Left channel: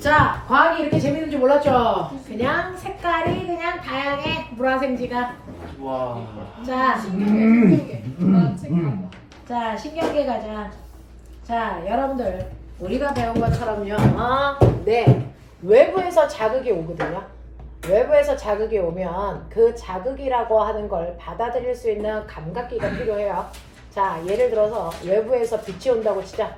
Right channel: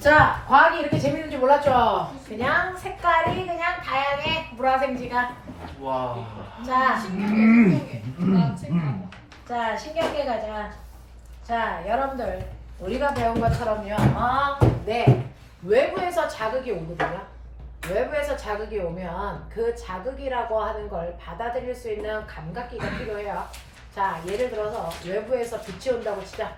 자, 과학이 이렇게 재밌는 줄 몰랐죠? 그냥 색깔이 그냥 다양해. 물화생지가. 와. 자, 자, 신경계 가자. 자, 여러분들 우리가 배운 것처럼요. 네, 외부에서 자극이 오거든요. 외부에서 자극이 오면 그 자극이라고 하는 걸 받아들일 수 있는 감각기가 필요해요. 자, 예를 들어서 외부에서 빛이 온다고 치자.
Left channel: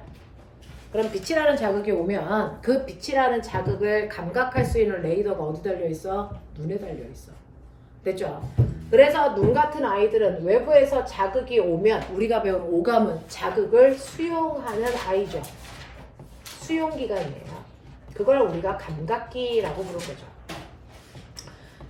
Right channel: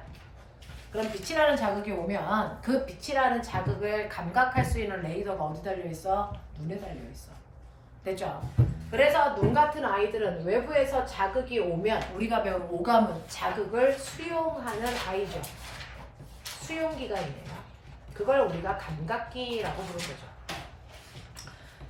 그럼 빛이라는 자극이 오면 그 빛이라는 자극을 감각할 수 있는 레이더가 어디 달려있어? 눈에 달려있어. 됐죠? 그래서 눈 같은 아이들은 외부에서 자극이 오면 우리가 배운 오감은 자극을 수용하는 아이죠. 수용기관이에요. 그걸 우리가 감각기라고 부르는 거죠.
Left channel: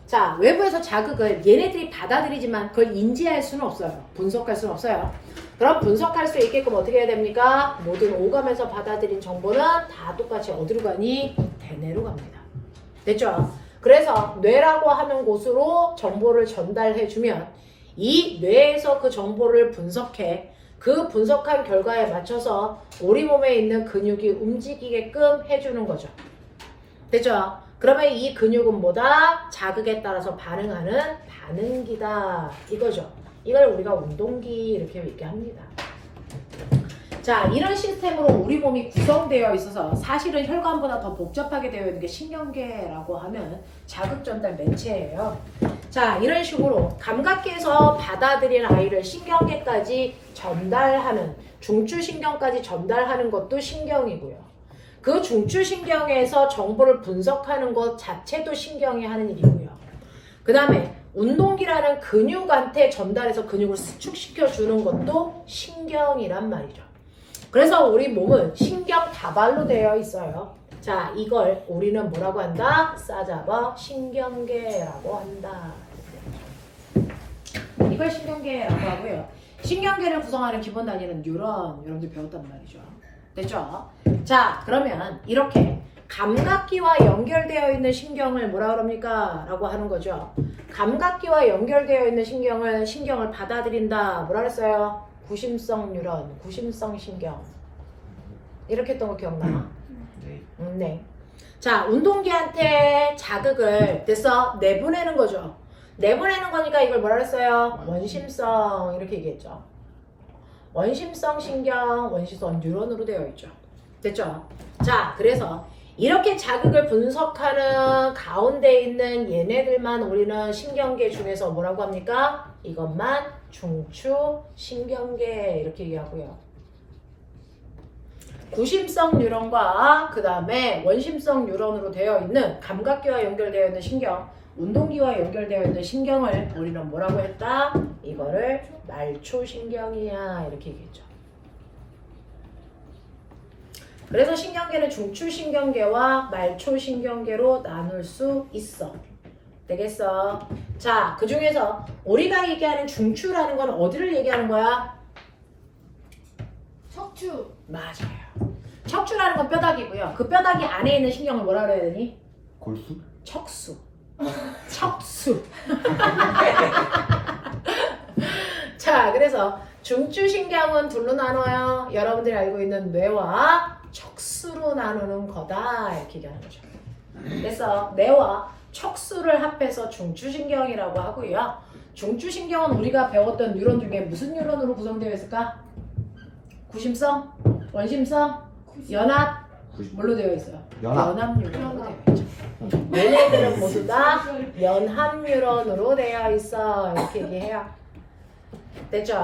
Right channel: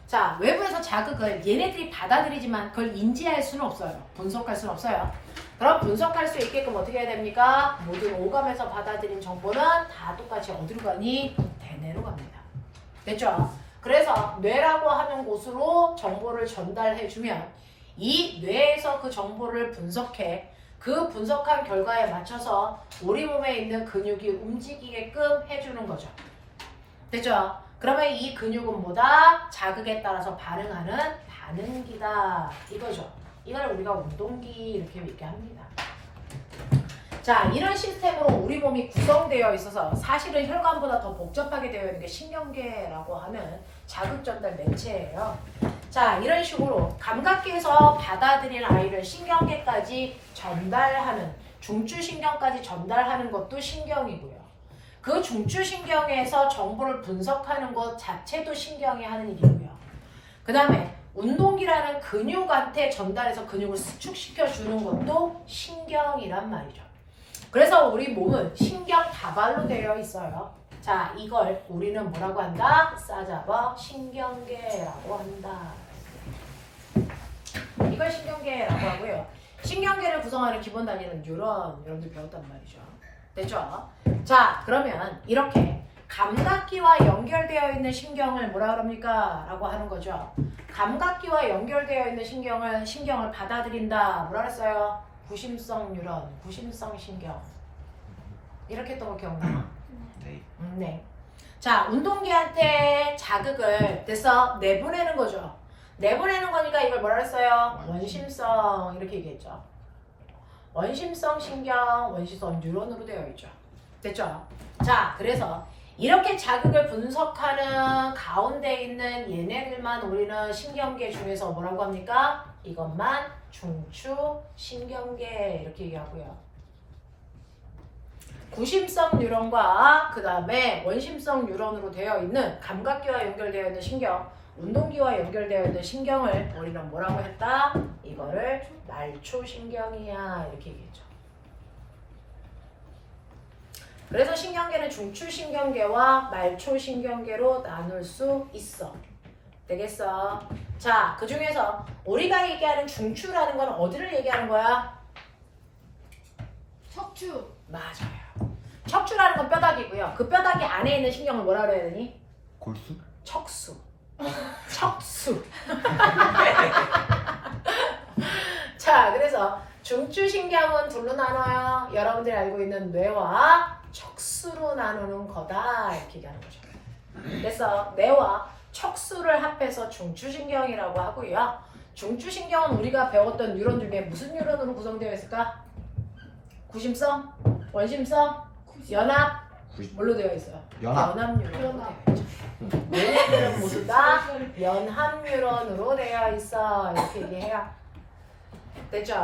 자, 외부에서 자극을 얘네들이 받아들이지만 그걸 인지할 수는 없어요. 분석할 수는 없어요. 그럼 분석할 수 있게끔 어떻게 해야 됩니까? 모든 오감에서 받아들인 정보는 다 똑같이 어디로 가니? 대뇌로 갑니다. 됐죠? 그래서 뇌라고 하는 곳으로 정보를 전달해주면 이 뇌에서 그 정보를 분석해 그 분석한 결과에 맞춰서 우리 몸에 있는 근육이 움직이게끔 해주는 거죠. 됐죠? 그러면 이 근육은 뭐다? 자극에 따라서 반응하는 반응기다. 이거죠. 이걸 우리가 운동기 이렇게 얘기합니다. 자, 이런 시스템으로 우리 몸이 구성되어 있어서 사실은 혈관보다 더 복잡하게 되어 있는 게 신경계라고 하는 자극 전달 매체예요. 자, 이런 식으로 감각계에서 받아들인 아이를 신경계까지 전달하는, 중추신경까지 전달하는 것도 신경이고요. 그 중추신경에서 정보를 분석하는 것 자체도 신경이 하는 일이고요. 그 다음에 운동기라는 근육한테 전달해서 근육을 수축시켜 주는 것도 신경이란 말이죠. 그래서 우리 몸은 신경 다발로 되어 있어요. 자, 이걸 우리는 뭐라고 한다? 싸잡아 신경계라고 한다. 이걸 신경계라고 하고요. 신경계를 구성하는 기본 단위는 뉴런, 여러분들 배웠단 말이죠. 됐죠? 자, 그러면 이렇게 감각기와 연결되어 있는 신경을 뭐라 그럽니까? 라고 하는 거죠. 감각기와 연결되어 있는 신경을 받아들인다. 뭐라 그랬어요? 구심성 뉴런, 구심성 신경. 이렇게 했던 거 기억나? 네. 네. 자, 운동기한테 자극을 됐어? 내보내는 거죠. 내보내는 거니까 이걸 뭐라 그랬어요? 원심성 이렇게 얘기했죠. 원심성 신경, 원심성 뉴런으로 되어 있죠. 됐죠? 자, 그래서 이렇게 자극을 분석하는 가운데 있는 얘네들만 우리는 신경계 중에서 뭐라고 합니까? 이것만 중추 신경계 이렇게 얘기하고요. 구심성 뉴런과 그 다음에 원심성 뉴런으로 되어 있는 감각기와 연결되어 있는 신경, 운동기와 연결되어 있는 신경을 우리는 뭐라고 했다? 이거를 말초신경이야 이렇게 얘기했죠. 그래서 신경계는 중추신경계와 말초신경계로 나눌 수 있어. 되겠어? 자, 그 중에서 우리가 얘기하는 중추라는 건 어디를 얘기하는 거야? 척추. 맞아요. 척추라는 건 뼈다귀고요. 그 뼈다귀 안에 있는 신경을 뭐라 그래야 되니? 골수? 척수. 척수. 자, 그래서 중추신경은 둘로 나눠요. 여러분들이 알고 있는 뇌와 척수로 나누는 거다 이렇게 얘기하는 거죠. 그래서 뇌와 척수를 합해서 중추신경이라고 하고요. 중추신경은 우리가 배웠던 뉴런 중에 무슨 뉴런으로 구성되어 있을까? 구심성? 원심성? 연합? 뭘로 되어 있어요? 연합. 연합뉴런으로 되어 있죠. 얘네들은 모두 다 연합뉴런으로 되어 있어 이렇게 얘기해요. 됐죠?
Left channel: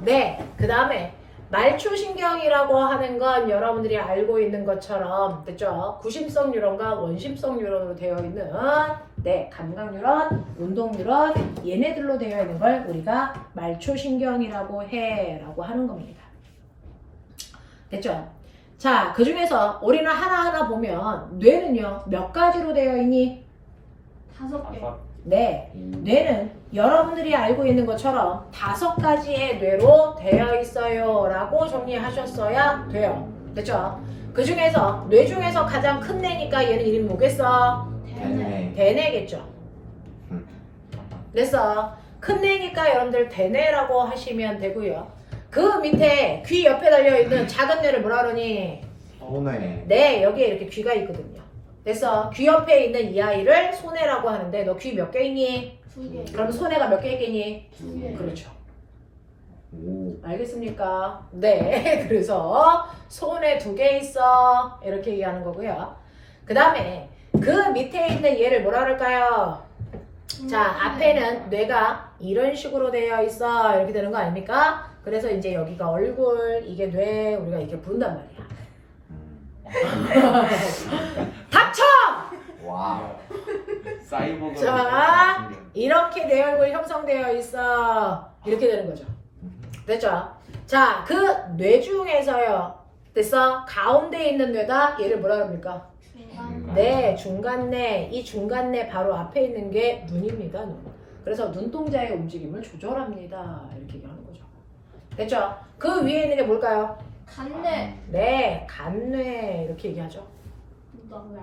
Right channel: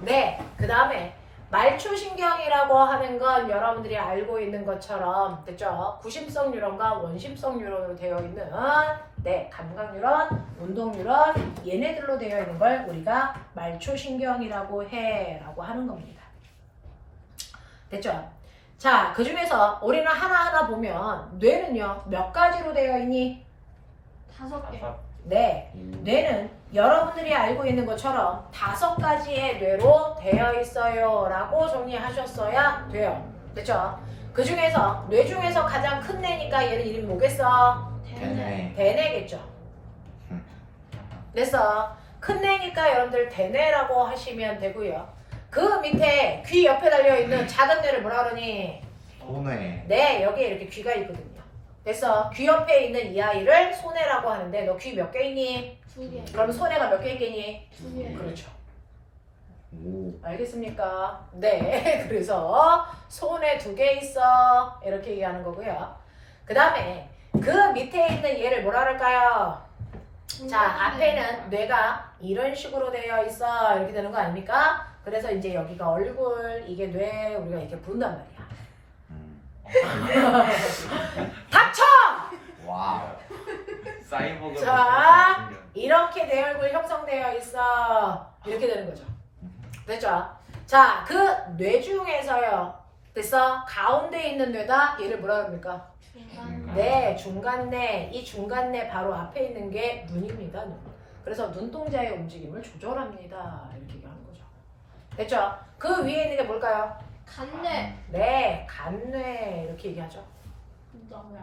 네. 그 다음에 말초신경이라고 하는 건 여러분들이 알고 있는 것처럼 됐죠? 구심성 뉴런과 원심성 뉴런으로 되어 있는 네, 감각 뉴런, 운동 뉴런 얘네들로 되어 있는 걸 우리가 말초신경이라고 해라고 하는 겁니다. 됐죠? 자, 그 중에서 우리는 하나하나 보면 뇌는요 몇 가지로 되어 있니? 5개. 네, 뇌는 여러분들이 알고 있는 것처럼 5가지의 뇌로 되어 있어요 라고 정리하셨어야 돼요. 됐죠? 그 중에서 뇌 중에서 가장 큰 뇌니까 얘는 이름이 뭐겠어? 대뇌. 대뇌겠죠. 그래서 큰 뇌니까 여러분들 대뇌라고 하시면 되고요. 그 밑에 귀 옆에 달려있는 작은 뇌를 뭐라 그러니? 소뇌. 네, 여기에 이렇게 귀가 있거든요. 됐어. 귀 옆에 있는 이 아이를 손해라고 하는데 너 귀 몇 개 있니? 2개. 그럼 손해가 몇 개 있겠니? 2개. 그렇죠. 오. 알겠습니까? 네. 그래서 손에 2개 있어. 이렇게 얘기하는 거고요. 그 다음에 그 밑에 있는 얘를 뭐라 그럴까요? 자, 앞에는 뇌가 이런 식으로 되어 있어. 이렇게 되는 거 아닙니까? 그래서 이제 여기가 얼굴, 이게 뇌, 우리가 이렇게 본단 말이야. 닥쳐! 와. 사이보그. 자, 이렇게 내 얼굴 형성되어 있어. 이렇게 되는 거죠. 됐죠? 자, 그 뇌 중에서요. 됐어? 가운데 있는 뇌다. 얘를 뭐라 그럽니까? 네, 중간뇌. 이 중간뇌 바로 앞에 있는 게 눈입니다. 눈. 그래서 눈동자의 움직임을 조절합니다. 이렇게 얘기하는 거죠. 됐죠? 그 위에 있는 게 뭘까요? 간내. 네, 간뇌. 이렇게 얘기하죠. 나왜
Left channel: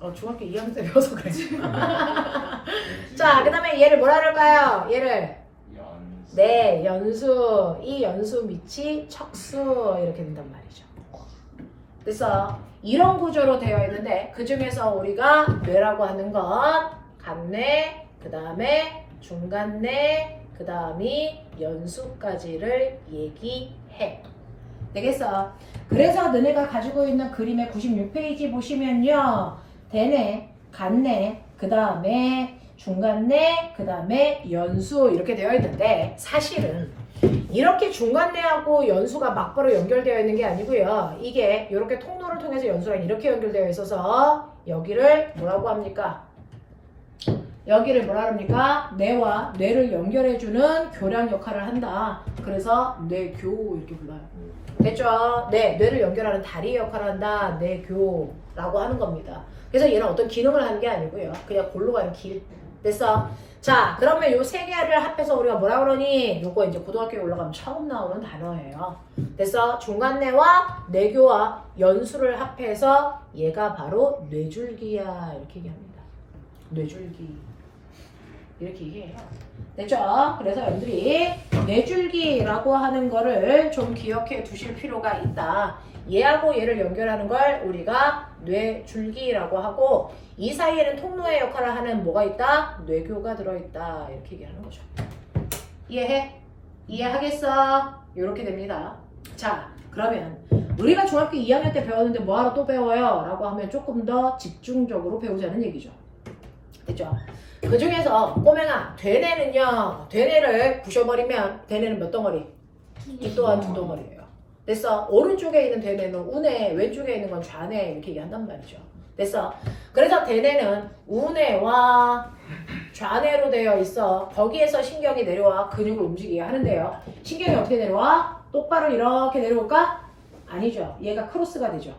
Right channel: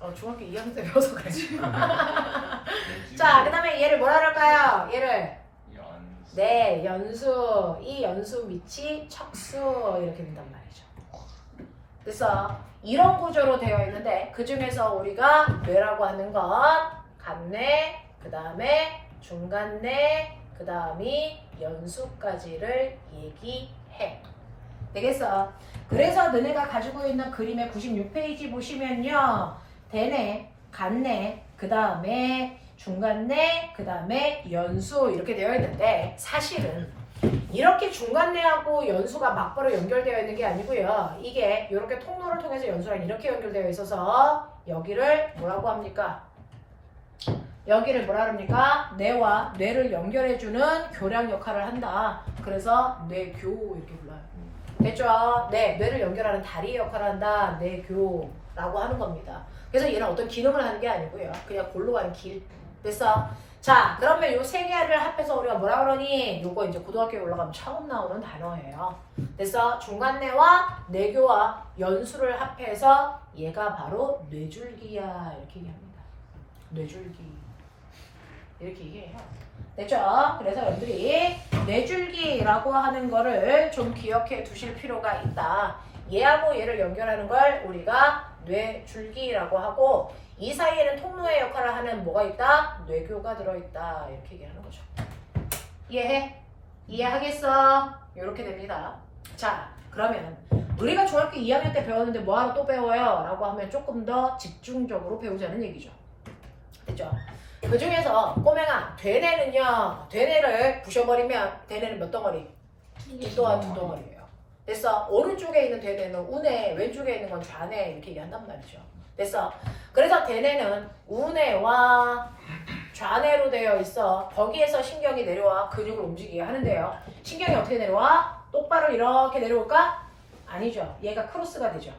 알고? 중학교 2학년 때 배워서 그래. 자, 그 다음에 얘를 뭐라 그럴까요? 얘를 네, 연수. 이 연수 밑이 척수 이렇게 된단 말이죠. 그래서 이런 구조로 되어 있는데 그 중에서 우리가 뇌라고 하는 건 간뇌, 그 다음에 중간뇌, 그 다음이 연수까지를 얘기해. 되겠어? 그래서 너네가 가지고 있는 그림의 96페이지 보시면요. 대뇌, 간뇌, 그 다음에 중간뇌, 그 다음에 연수 이렇게 되어 있는데 사실은 이렇게 중간뇌하고 연수가 막바로 연결되어 있는 게 아니고요. 이게 이렇게 통로를 통해서 연수랑 이렇게 연결되어 있어서 여기를 뭐라고 합니까? 여기를 뭐라 합니까? 뇌와 뇌를 연결해주는 교량 역할을 한다. 그래서 뇌교 이렇게 불러요. 됐죠? 네, 뇌를 연결하는 다리 역할을 한다. 뇌교라고 하는 겁니다. 그래서 얘는 어떤 기능을 하는 게 아니고요. 그냥 골로 가는 길. 됐어? 자, 그러면 요 세 개를 합해서 우리가 뭐라 그러니? 요거 이제 고등학교에 올라가면 처음 나오는 단어예요. 됐어? 중간뇌와 뇌교와 연수를 합해서 얘가 바로 뇌줄기야. 이렇게 얘기합니다. 뇌줄기. 이렇게 얘기해요. 됐죠? 그래서 여러분들이 뇌줄기라고 하는 거를 좀 기억해 두실 필요가 있다. 얘하고 얘를 연결하는 걸 우리가 뇌줄기라고 하고 이 사이에는 통로의 역할을 하는 뭐가 있다? 뇌교가 들어있다. 이렇게 얘기하는 거죠. 이해해? 이해하겠어? 이렇게 됩니다. 자, 그러면 우리가 중학교 2학년 때 배웠는데 뭐하러 또 배워요? 라고 하면 조금 더 집중적으로 배우자는 얘기죠. 됐죠? 그 중에서 꼬맹아, 대뇌는요. 대뇌를 부셔버리면 대뇌는 몇 덩어리? 이 또한 2덩어리예요. 됐어? 오른쪽에 있는 대뇌는 우뇌, 왼쪽에 있는 건 좌뇌 이렇게 얘기한단 말이죠. 됐어? 그래서 대뇌는 우뇌와 좌뇌로 되어 있어. 거기에서 신경이 내려와 근육을 움직이게 하는데요. 신경이 어떻게 내려와? 똑바로 이렇게 내려올까? 아니죠. 얘가 크로스가 되죠.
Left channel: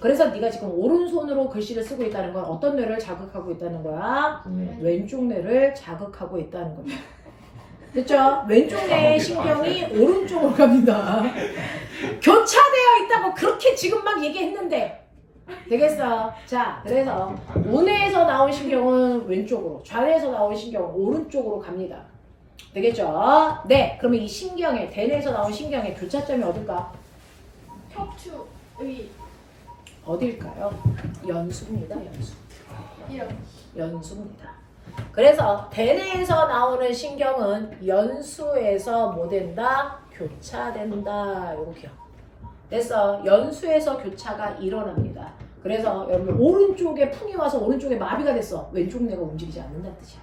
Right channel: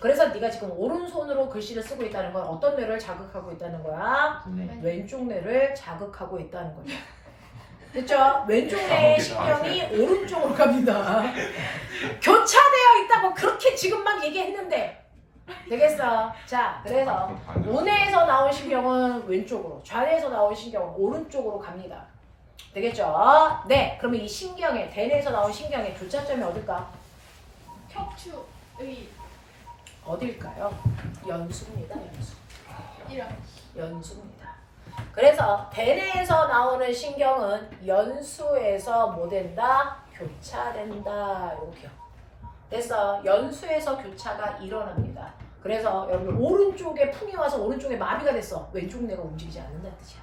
그래서 네가 지금 오른손으로 글씨를 쓰고 있다는 건 어떤 뇌를 자극하고 있다는 거야? 왼쪽 뇌를 자극하고 있다는 거예요. 됐죠? 왼쪽 뇌의 신경이 오른쪽으로 갑니다. 교차되어 있다고 그렇게 지금 막 얘기했는데 되겠어? 자, 그래서 우뇌에서 나온 신경은 왼쪽으로, 좌뇌에서 나온 신경은 오른쪽으로 갑니다. 되겠죠? 네, 그러면 이 신경의, 대뇌에서 나온 신경의 교차점이 어딜까? 척추의 어딜까요? 연수입니다, 연수. 이런. 연수입니다. 그래서 대뇌에서 나오는 신경은 연수에서 뭐 된다? 교차된다. 요거 기억. 됐어. 연수에서 교차가 일어납니다. 그래서 여러분 오른쪽에 풍이 와서 오른쪽에 마비가 됐어. 왼쪽 뇌가 움직이지 않는다는 뜻이야.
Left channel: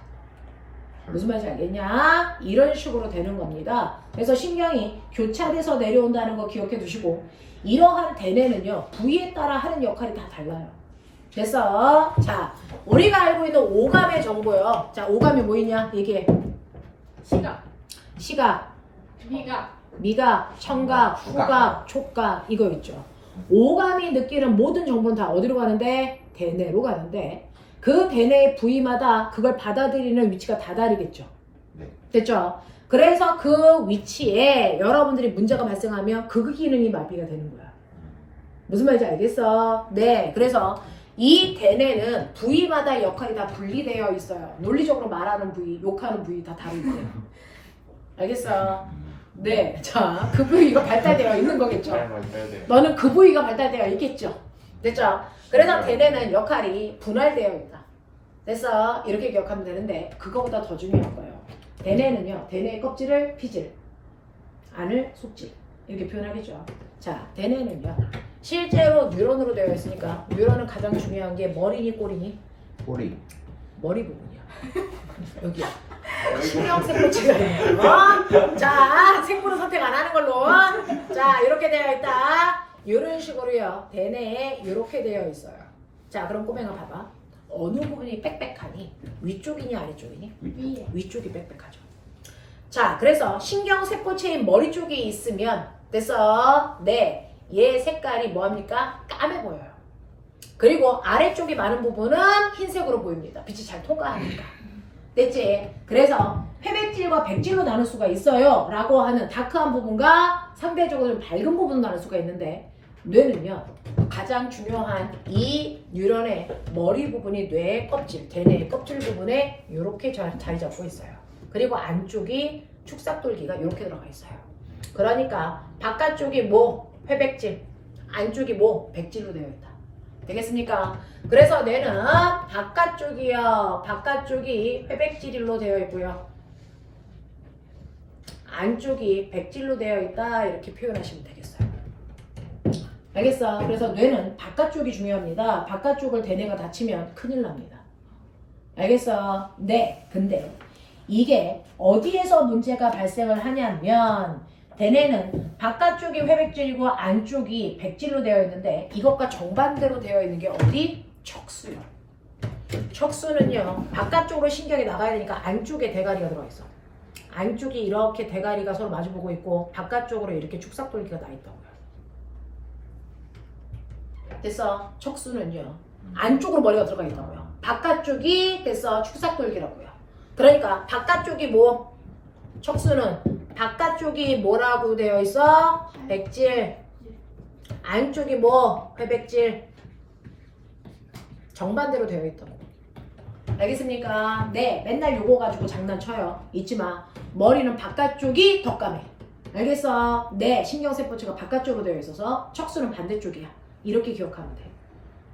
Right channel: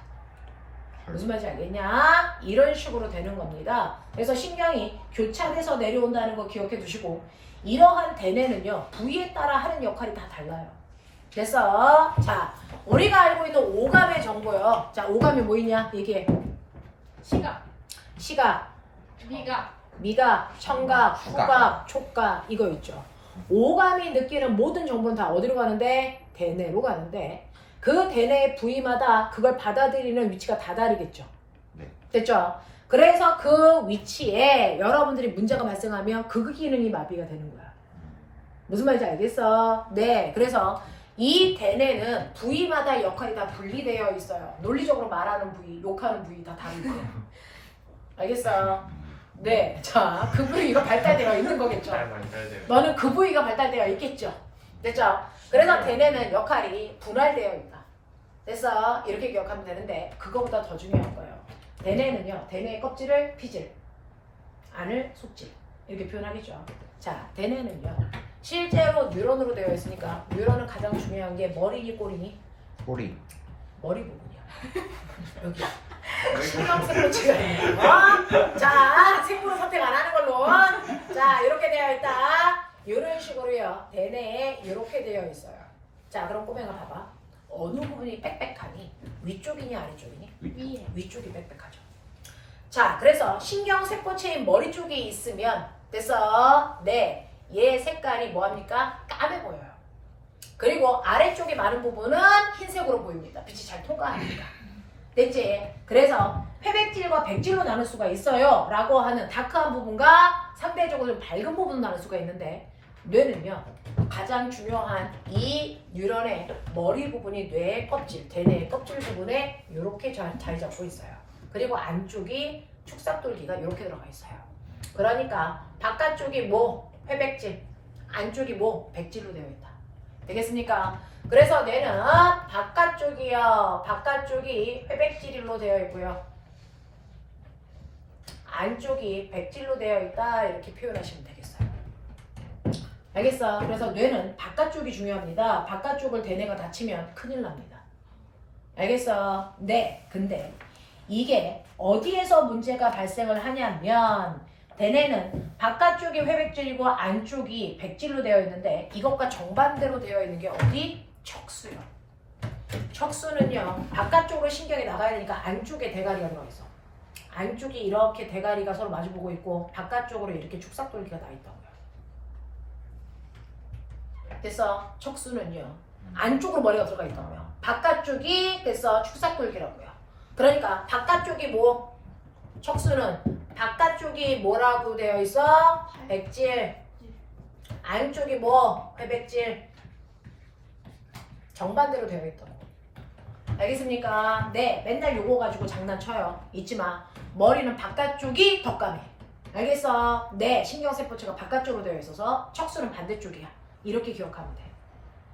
무슨 말인지 알겠냐? 이런 식으로 되는 겁니다. 그래서 신경이 교차돼서 내려온다는 거 기억해 두시고 이러한 대뇌는요. 부위에 따라 하는 역할이 다 달라요. 됐어? 자, 우리가 알고 있는 오감의 정보요. 자, 오감이 뭐 있냐? 얘기해. 시각. 시각, 미각. 미각, 청각, 후각, 촉각 이거 있죠. 오감이 느끼는 모든 정보는 다 어디로 가는데? 대뇌로 가는데 그 대뇌의 부위마다 그걸 받아들이는 위치가 다 다르겠죠. 네. 됐죠? 그래서 그 위치에 여러분들이 문제가 발생하면 그 기능이 마비가 되는 거야. 무슨 말인지 알겠어? 네. 그래서 이 대뇌는 부위마다 역할이 다 분리되어 있어요. 논리적으로 말하는 부위, 욕하는 부위 다 다르고. 알겠어? 네. 자, 그 부위가 발달되어 있는 거겠죠. 너는 그 부위가 발달되어 있겠죠. 됐죠? 그래서 대뇌는 역할이 분할되어 있다. 됐어? 이렇게 기억하면 되는데 그거보다 더 중요한 거예요. 대뇌는요. 대뇌의 껍질을 피질, 안을 속질 이렇게 표현하겠죠. 자, 대뇌는요. 실제로 뉴런으로 되어 있으니까 뉴런은 가장 중요한 게 머리니 꼬리니? 꼬리. 머리 부분이야. 여기야. 신경세포체가 있는 거. 자, 생물을 선택 안 하는 걸로. 자, 이렇게 되어 있다. 이런 식으로요. 대뇌에 이렇게 되어 있어요. 자, 그럼 꼬맹아 봐봐. 어느 부분이 빽빽하니? 위쪽이니 아래쪽이니? 위에. 위쪽이 빽빽하죠. 자, 그래서 신경세포체인 머리 쪽이 있으면 됐어. 네, 얘 색깔이 뭐합니까? 까매 보여요. 그리고 아래쪽이 많은 부분은 흰색으로 보입니다. 빛이 잘 통과하니까. 됐지? 그래서 회백질과 백질로 나눌 수가 있어요. 라고 하는 다크한 부분과 상대적으로 좀 밝은 부분으로 나눌 수가 있는데 뇌는요. 가장 중요한 이 뉴런의 머리 부분이 뇌의 껍질, 대뇌의 껍질 부분에 이렇게 자리 잡고 있어요. 그리고 안쪽이 축삭돌기가 이렇게 들어가 있어요. 그러니까 바깥쪽이 뭐? 회백질, 안쪽이 뭐? 백질로 되어 있다. 되겠습니까? 그래서 뇌는 바깥쪽이요. 바깥쪽이 회백질로 되어 있고요. 안쪽이 백질로 되어 있다. 이렇게 표현하시면 되겠어요. 알겠어? 그래서 뇌는 바깥쪽이 중요합니다. 바깥쪽을 대뇌가 다치면 큰일 납니다. 알겠어? 네. 근데 이게 어디에서 문제가 발생을 하냐면 대뇌는 바깥쪽이 회백질이고 안쪽이 백질로 되어 있는데 이것과 정반대로 되어 있는 게 어디? 척수요. 척수는요. 바깥쪽으로 신경이 나가야 되니까 안쪽에 대가리가 들어가 있어. 안쪽이 이렇게 대가리가 서로 마주보고 있고 바깥쪽으로 이렇게 축삭돌기가 나 있다고요. 됐어? 척수는요. 안쪽으로 머리가 들어가 있다고요. 바깥쪽이 됐어? 축삭돌기라고요. 그러니까 바깥쪽이 뭐? 척수는 바깥쪽이 뭐라고 되어 있어? 백질. 안쪽이 뭐? 회백질. 정반대로 되어 있다고. 알겠습니까? 네, 맨날 요거 가지고 장난쳐요. 잊지 마. 머리는 바깥쪽이 더 까매. 알겠어? 네, 신경세포체가 바깥쪽으로 되어 있어서 척수는 반대쪽이야. 이렇게 기억하면 돼.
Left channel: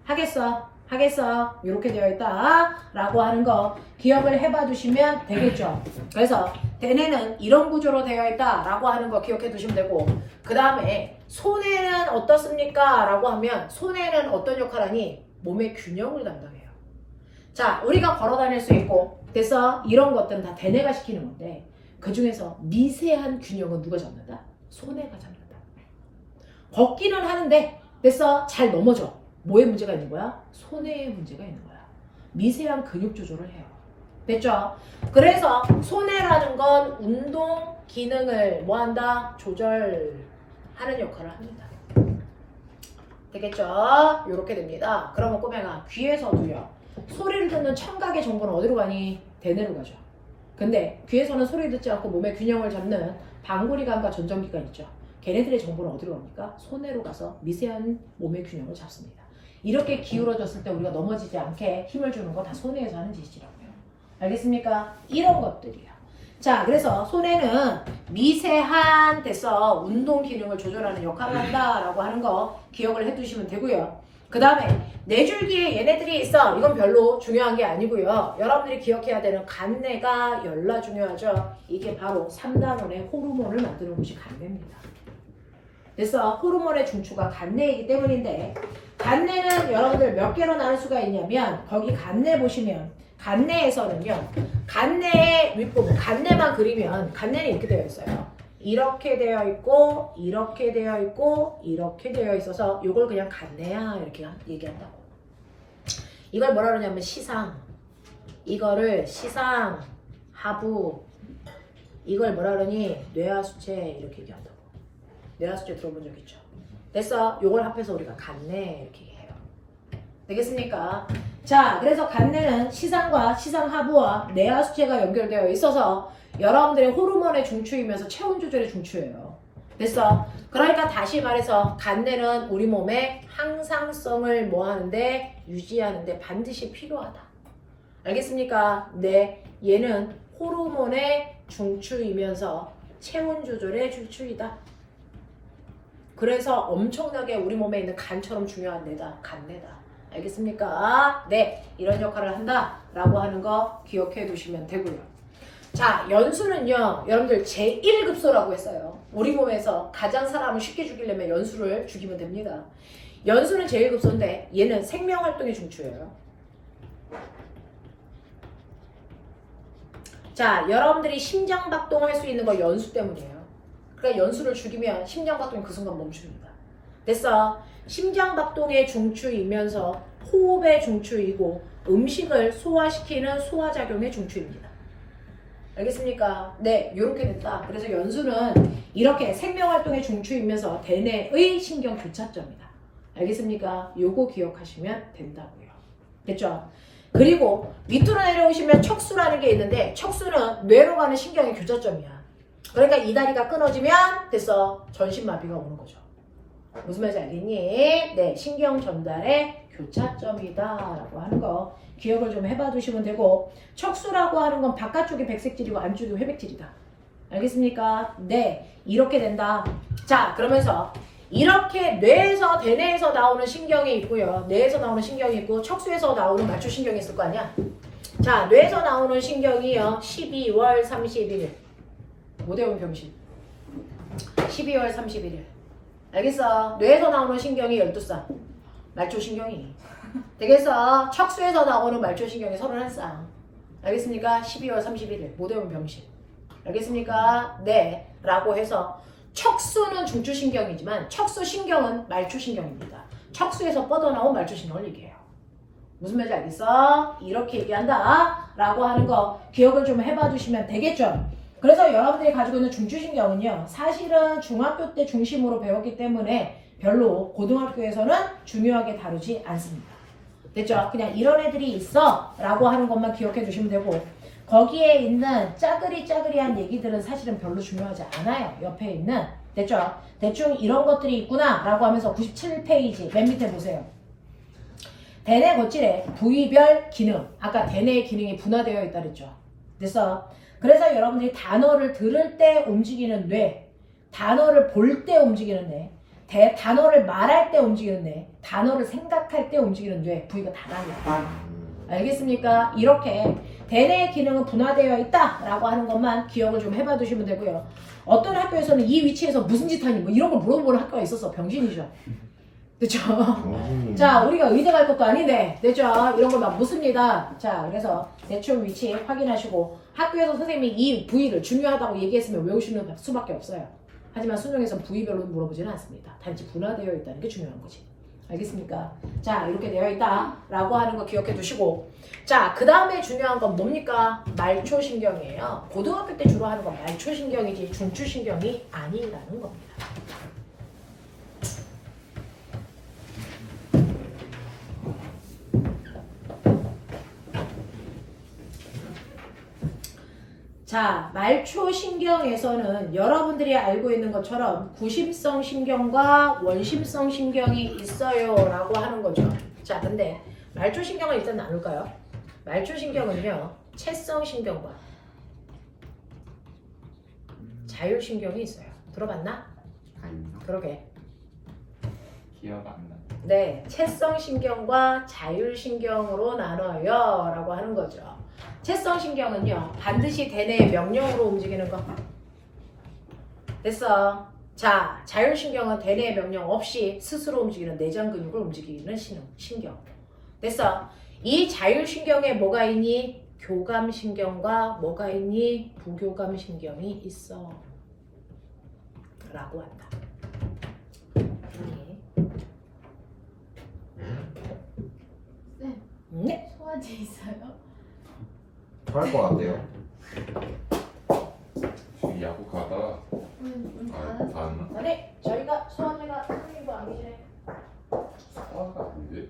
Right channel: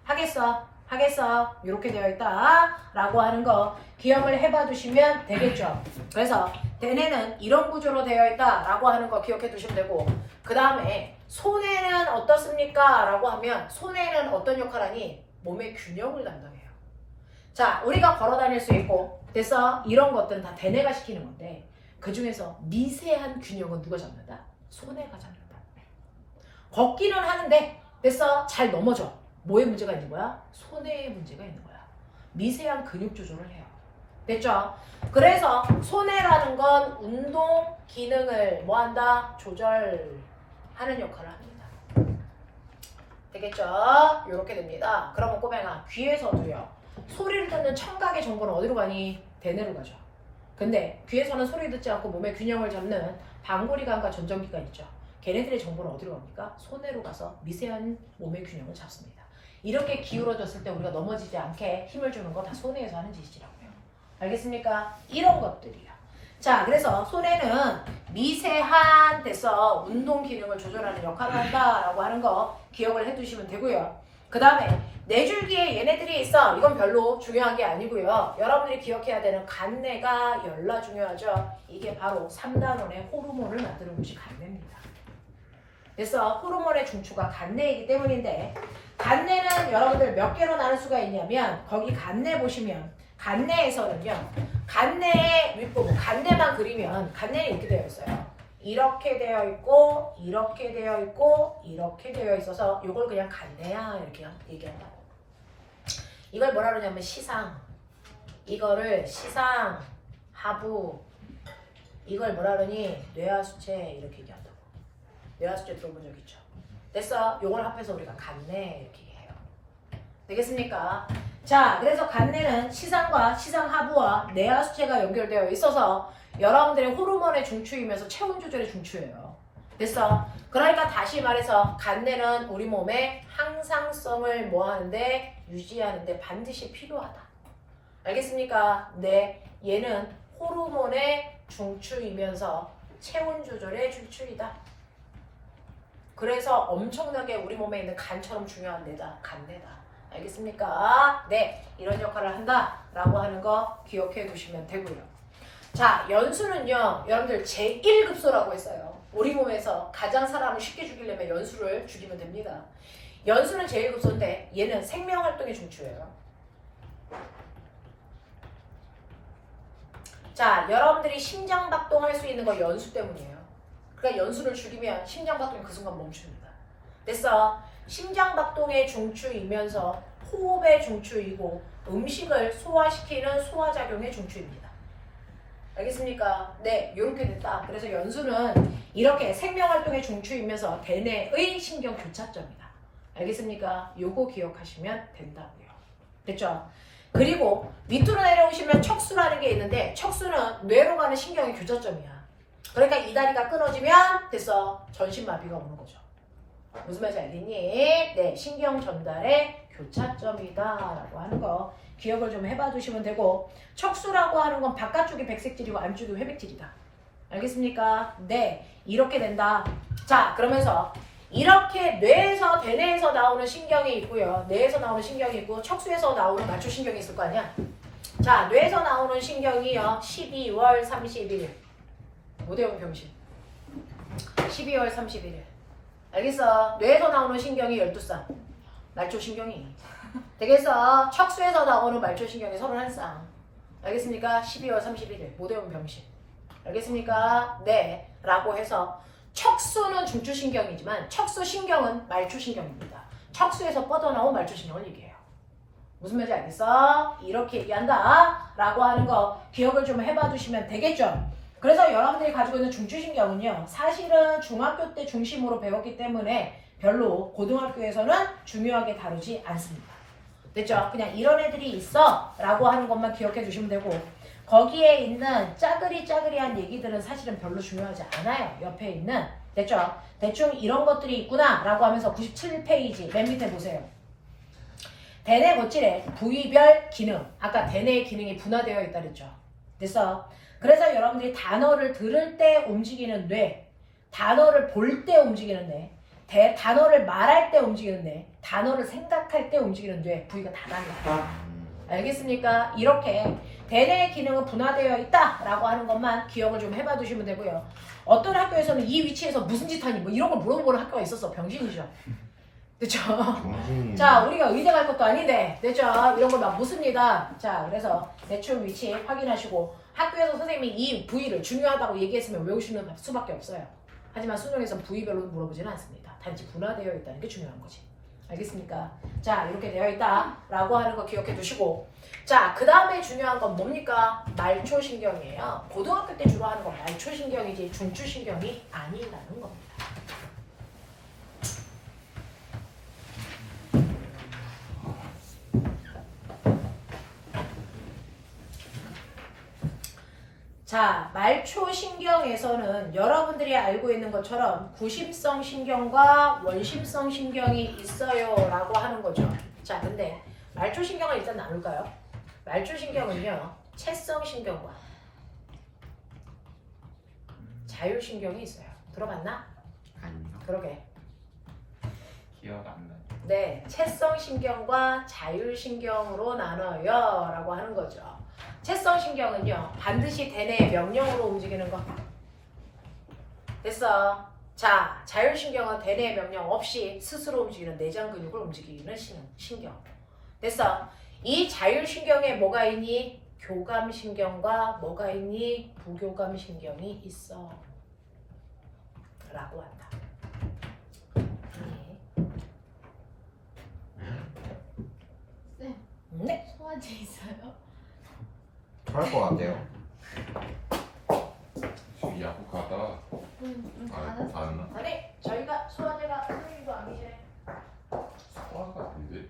하겠어? 하겠어? 이렇게 되어 있다 라고 하는 거 기억을 해봐 두시면 되겠죠. 그래서 대뇌는 이런 구조로 되어 있다 라고 하는 거 기억해 두시면 되고 그 다음에 소뇌는 어떻습니까? 라고 하면 소뇌는 어떤 역할 하니? 몸의 균형을 담당해요. 자, 우리가 걸어 다닐 수 있고 됐어? 이런 것들은 다 대뇌가 시키는 건데 그 중에서 미세한 균형은 누가 잡는다? 소뇌가 잡는다. 걷기는 하는데 됐어? 잘 넘어져. 뭐에 문제가 있는 거야? 소뇌에 문제가 있는 거야. 미세한 근육 조절을 해요. 됐죠? 그래서 소뇌라는 건 운동 기능을 뭐한다? 조절하는 역할을 합니다. 되겠죠? 이렇게 됩니다. 그러면 꼬맹아 귀에서도요. 소리를 듣는 청각의 정보는 어디로 가니? 대뇌로 가죠. 근데 귀에서는 소리 듣지 않고 몸의 균형을 잡는 방구리관과 전정기관 있죠. 걔네들의 정보는 어디로 갑니까? 소뇌로 가서 미세한 몸의 균형을 잡습니다. 이렇게 기울어졌을 때 우리가 넘어지지 않게 힘을 주는 거 다 소뇌에서 하는 짓이라고요. 알겠습니까? 이런 것들이야. 자, 그래서 소뇌는 미세한 데서 운동 기능을 조절하는 역할을 한다라고 하는 거 기억을 해두시면 되고요. 그 다음에 뇌줄기에 얘네들이 있어. 이건 별로 중요한 게 아니고요. 여러분들이 기억해야 되는 간내가 열나 중요하죠. 이게 바로 3단원의 호르몬을 만드는 곳이 간내입니다. 그래서 호르몬의 중추가 간내이기 때문인데 간내는 여러분들 몇 개로 나눌 수가 있냐면 거기 간내 보시면 간내에서는요. 간내의 윗부분, 간내만 그리면 간내는 이렇게 되어 있어요. 이렇게 되어 있고 이렇게 되어 있고 이렇게 되어 있어서 이걸 그냥 간내야 이렇게 얘기한다고. 이걸 뭐라 그러냐면 시상, 이거를 시상, 하부, 이걸 뭐라 그러니 뇌하수체 이렇게 얘기한다고. 뇌하수체 들어본 적 있죠? 됐어? 요걸 합해서 우리가 간내 이렇게 해요. 되겠습니까? 자, 그래서 간내는 시상과 시상하부와 뇌하수체가 연결되어 있어서 여러분들의 호르몬의 중추이면서 체온 조절의 중추예요. 됐어? 그러니까 다시 말해서 간내는 우리 몸의 항상성을 뭐하는데 유지하는데 반드시 필요하다. 알겠습니까? 네, 얘는 호르몬의 중추이면서 체온 조절의 중추이다. 그래서 엄청나게 우리 몸에 있는 간처럼 중요한 뇌다. 간뇌다. 알겠습니까? 네, 이런 역할을 한다라고 하는 거 기억해 두시면 되고요. 자, 연수는요, 여러분들 제1급소라고 했어요. 우리 몸에서 가장 사람을 쉽게 죽이려면 연수를 죽이면 됩니다. 연수는 제1급소인데 얘는 생명활동의 중추예요. 자, 여러분들이 심장박동할 수 있는 거 연수 때문이에요. 그러니까 연수를 죽이면 심장박동이 그 순간 멈춥니다. 됐어? 심장박동의 중추이면서 호흡의 중추이고 음식을 소화시키는 소화작용의 중추입니다. 알겠습니까? 네, 요렇게 됐다. 그래서 연수는 이렇게 생명활동의 중추이면서 대뇌의 신경교차점이다. 알겠습니까? 요거 기억하시면 된다고요. 됐죠? 그리고 밑으로 내려오시면 척수라는 게 있는데 척수는 뇌로 가는 신경의 교차점이야. 그러니까 이 다리가 끊어지면 됐어. 전신마비가 오는 거죠. 무슨 말인지 알겠니? 네, 신경 전달의 교차점이다 라고 하는 거 기억을 좀 해봐 두시면 되고, 척수라고 하는 건 바깥쪽이 백색질이고 안쪽이 회백질이다. 알겠습니까? 네, 이렇게 된다. 자, 그러면서 이렇게 뇌에서 대뇌에서 나오는 신경이 있고요, 뇌에서 나오는 신경이 있고 척수에서 나오는 말초신경이 있을 거 아니야. 자, 뇌에서 나오는 신경이요 12월 31일 모대원 병신 12월 31일. 알겠어? 뇌에서 나오는 신경이 12쌍 말초신경이. 되겠어? 척수에서 나오는 말초신경이 31쌍. 알겠습니까? 12월 31일 모대원 병신. 알겠습니까? 네, 라고 해서 척수는 중추신경이지만 척수신경은 말초신경입니다. 척수에서 뻗어나온 말초신경을 얘기해요. 무슨 말인지 알겠어? 이렇게 얘기한다 라고 하는 거 기억을 좀 해봐 주시면 되겠죠? 그래서 여러분들이 가지고 있는 중추신경은요, 사실은 중학교 때 중심으로 배웠기 때문에 별로 고등학교에서는 중요하게 다루지 않습니다. 됐죠? 그냥 이런 애들이 있어 라고 하는 것만 기억해 두시면 되고, 거기에 있는 짜그리짜그리한 얘기들은 사실은 별로 중요하지 않아요. 옆에 있는. 됐죠? 대충 이런 것들이 있구나 라고 하면서 97페이지 맨 밑에 보세요. 대뇌 거칠의 부위별 기능. 아까 대뇌의 기능이 분화되어 있다 그랬죠? 됐어? 그래서 여러분들이 단어를 들을 때 움직이는 뇌, 단어를 볼 때 움직이는 뇌, 단어를 말할 때 움직이는 뇌, 단어를 생각할 때 움직이는 뇌, 부위가 다 다릅니다. 알겠습니까? 이렇게 대뇌의 기능은 분화되어 있다라고 하는 것만 기억을 좀 해봐 두시면 되고요. 어떤 학교에서는 이 위치에서 무슨 짓 하니 뭐 이런 걸 물어보는 학교가 있었어. 병신이죠. 됐죠? 자, 우리가 의대 갈 것도 아닌데, 됐죠? 이런 거 막 무슨 일이다. 자, 그래서 대충 위치 확인하시고, 학교에서 선생님이 이 부위를 중요하다고 얘기했으면 외우시는 수밖에 없어요. 하지만 수능에서는 부위별로 물어보지는 않습니다. 단지 분화되어 있다는 게 중요한 거지. 알겠습니까? 자, 이렇게 되어 있다라고 하는 거 기억해 두시고, 자, 그 다음에 중요한 건 뭡니까? 말초신경이에요. 고등학교 때 주로 하는 건 말초신경이지 중추신경이 아니라는 겁니다. 자, 말초신경에서는 여러분들이 알고 있는 것처럼 구심성 신경과 원심성 신경이 있어요 라고 하는 거죠. 자, 근데 말초신경을 일단 나눌까요? 말초신경은요, 채성 신경과 자율신경이 있어요. 들어봤나? 아니요. 그러게. 기억 안 나요. 네, 채성 신경과 자율신경으로 나눠요 라고 하는 거죠. 채성 신경은요, 반드시 대뇌의 명령으로 움직이는 거. 됐어. 자, 자율신경은 대뇌의 명령 없이 스스로 움직이는 내장 근육을 움직이는 신경. 됐어. 이 자율신경에 뭐가 있니? 교감신경과 뭐가 있니? 부교감신경이 있어 라고 한다. 쌤, 네. 소화제 있어요? 할것 같아요. 야구 가다. 받았어. 봤나? 아니, 저희가 소화제가 선생님도 아니시네. 소화가 안 돼.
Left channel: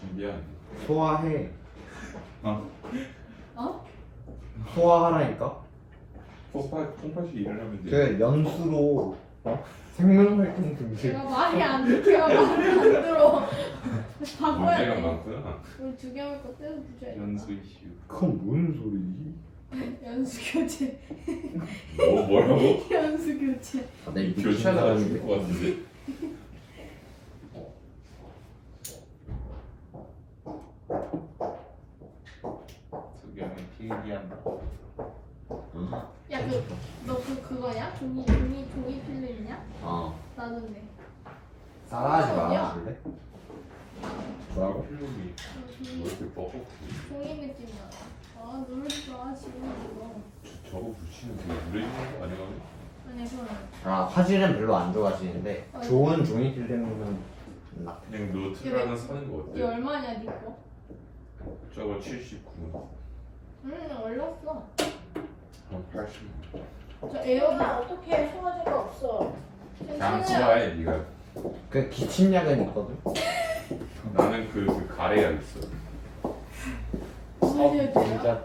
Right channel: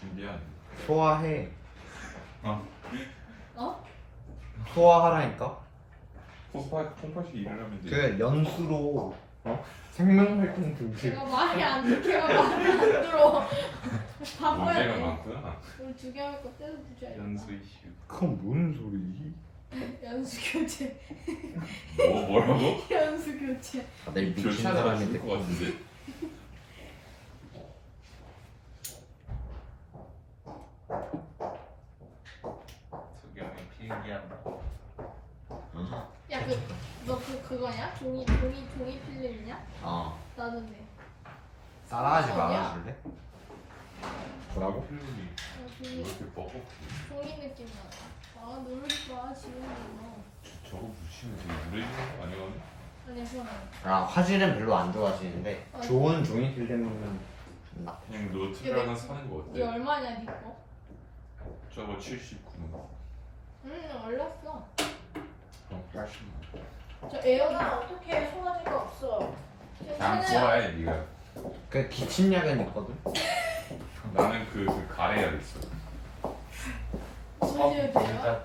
신기하네. 소화해. 어? 소화하라니까. 콩팥이 일을 하면 돼. 그 연수로 생명활동 중심. 제가 말이 안 들려. 말을 안 들어. 바꿔야 문제가 돼. 많구나. 우리 두 개 할 거 떼서 붙여야 돼. 연수 이슈. 그건 뭔 소리지? 연수 교체. 뭐라고? 연수 교체. 다들 미친 교체하다가 사람인데. 죽을 것 같은데. 특경의 필기한 야, 너 그거냐? 종이 필름이냐? 나는 네. 따라하지 말아줄래? 뭐라고? 필름이 종이 왜 이렇게 뻑뻑해? 종이 느낌 나. 아, 누르지 마 지금 이거. 저거 붙이면 되게 무례지는 거 아니거든? 아니야, 그럼. 아 화질은 별로 안 좋아지는데 좋은 종이 필름은 나. 그냥 노트를 하나 사는 거 이게 어때? 얼마냐, 네 거? 저거 79. 올렸어. 그럼 80. 저 에어다 어떻게 소화제가 없어. 그냥 좋아해 네가. 그 기침약은 있거든. 나는 그 가래약 있어. 보여줘야 돼요? 감사합니다.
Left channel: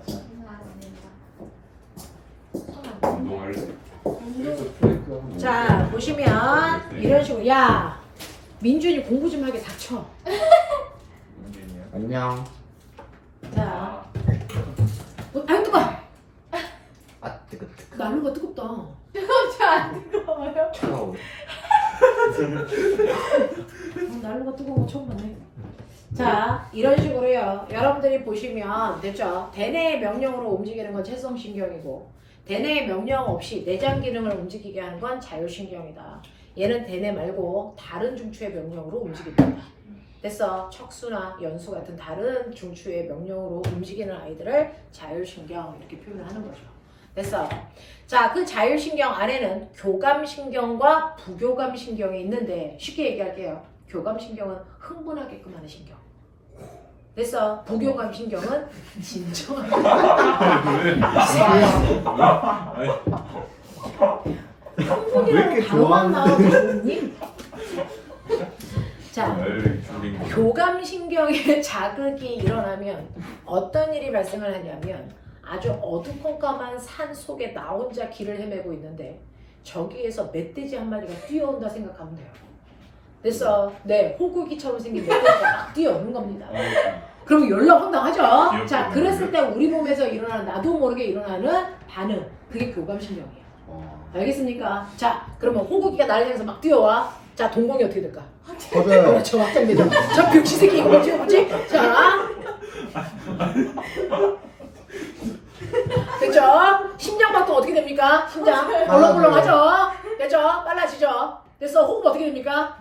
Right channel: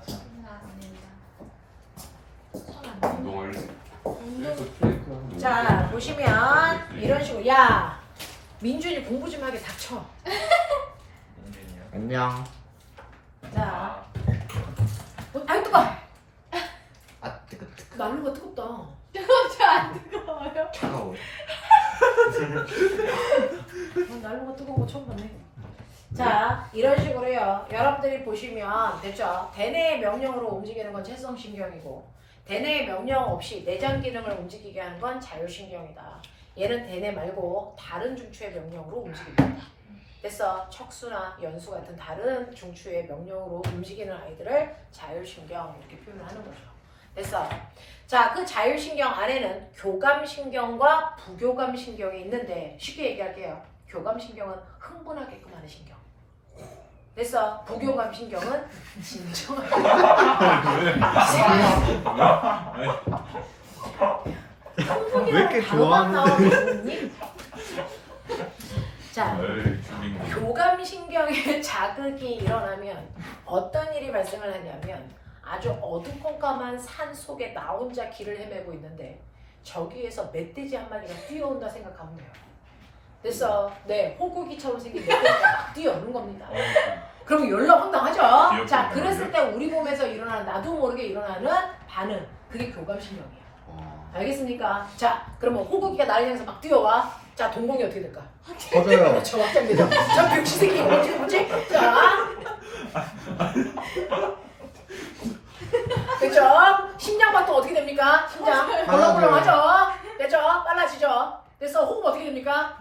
감사합니다. 운동할래? 운동. 그래서 플랭크 하고 자 보시면 이런 식으로 야 민준이 공부 좀 하게 닥쳐. 민준이요? 안녕. 자, 아이 뜨거. 아 뜨거. 난로가 뜨겁다. 뜨겁지 안 뜨거워요? 차가워. 난로가 뜨거운 거 처음 봤네. 자 이런 식으로요. 여러분들이 보시면 됐죠. 대뇌의 명령으로 움직이는 건 채성신경이고 대뇌의 명령 없이 내장 기능을 움직이게 하는 건 자율신경이다. 얘는 대뇌 말고 다른 중추의 명령으로 움직입니다. 됐어. 척수나 연수 같은 다른 중추의 명령으로 움직이는 아이들을 자율신경 이렇게 표현하는 거죠. 됐어. 자, 그 자율신경 안에는 교감신경과 부교감신경이 있는데 쉽게 얘기할게요. 교감신경은 흥분하게끔 하는 신경. 됐어. 부교감신경은 진정하게. 왜 이렇게 좋아하는데? 자, 에이 죽인 거. 교감신경의 자극이 일어나면 어떤 일이 발생을 하냐면 아주 어두컴컴한 산 속에 나 혼자 길을 헤매고 있는데 저기에서 멧돼지 한 마리가 뛰어온다 생각하면 돼요. 됐어. 네, 호구기처럼 생긴 멧돼지가 막 뛰어오는 겁니다. 그럼 열나황당하죠. 귀엽게 자, 그랬을 보이네요. 때 우리 몸에서 일어나는 나도 모르게 일어나는 반응, 그게 교감신경이에요. 알겠습니까? 자, 그러면 호구기가 나를 향해서 막 뛰어와. 자, 동공이 어떻게 될까? 퍼져요. 그렇죠, 확장되죠. 저 교치새끼 이거 뭐지? 자, 됐죠? 심장박도 어떻게 됩니까? 심장 벌렁벌렁하죠? 됐죠? 빨라지죠? 됐어, 호흡 어떻게 됩니까?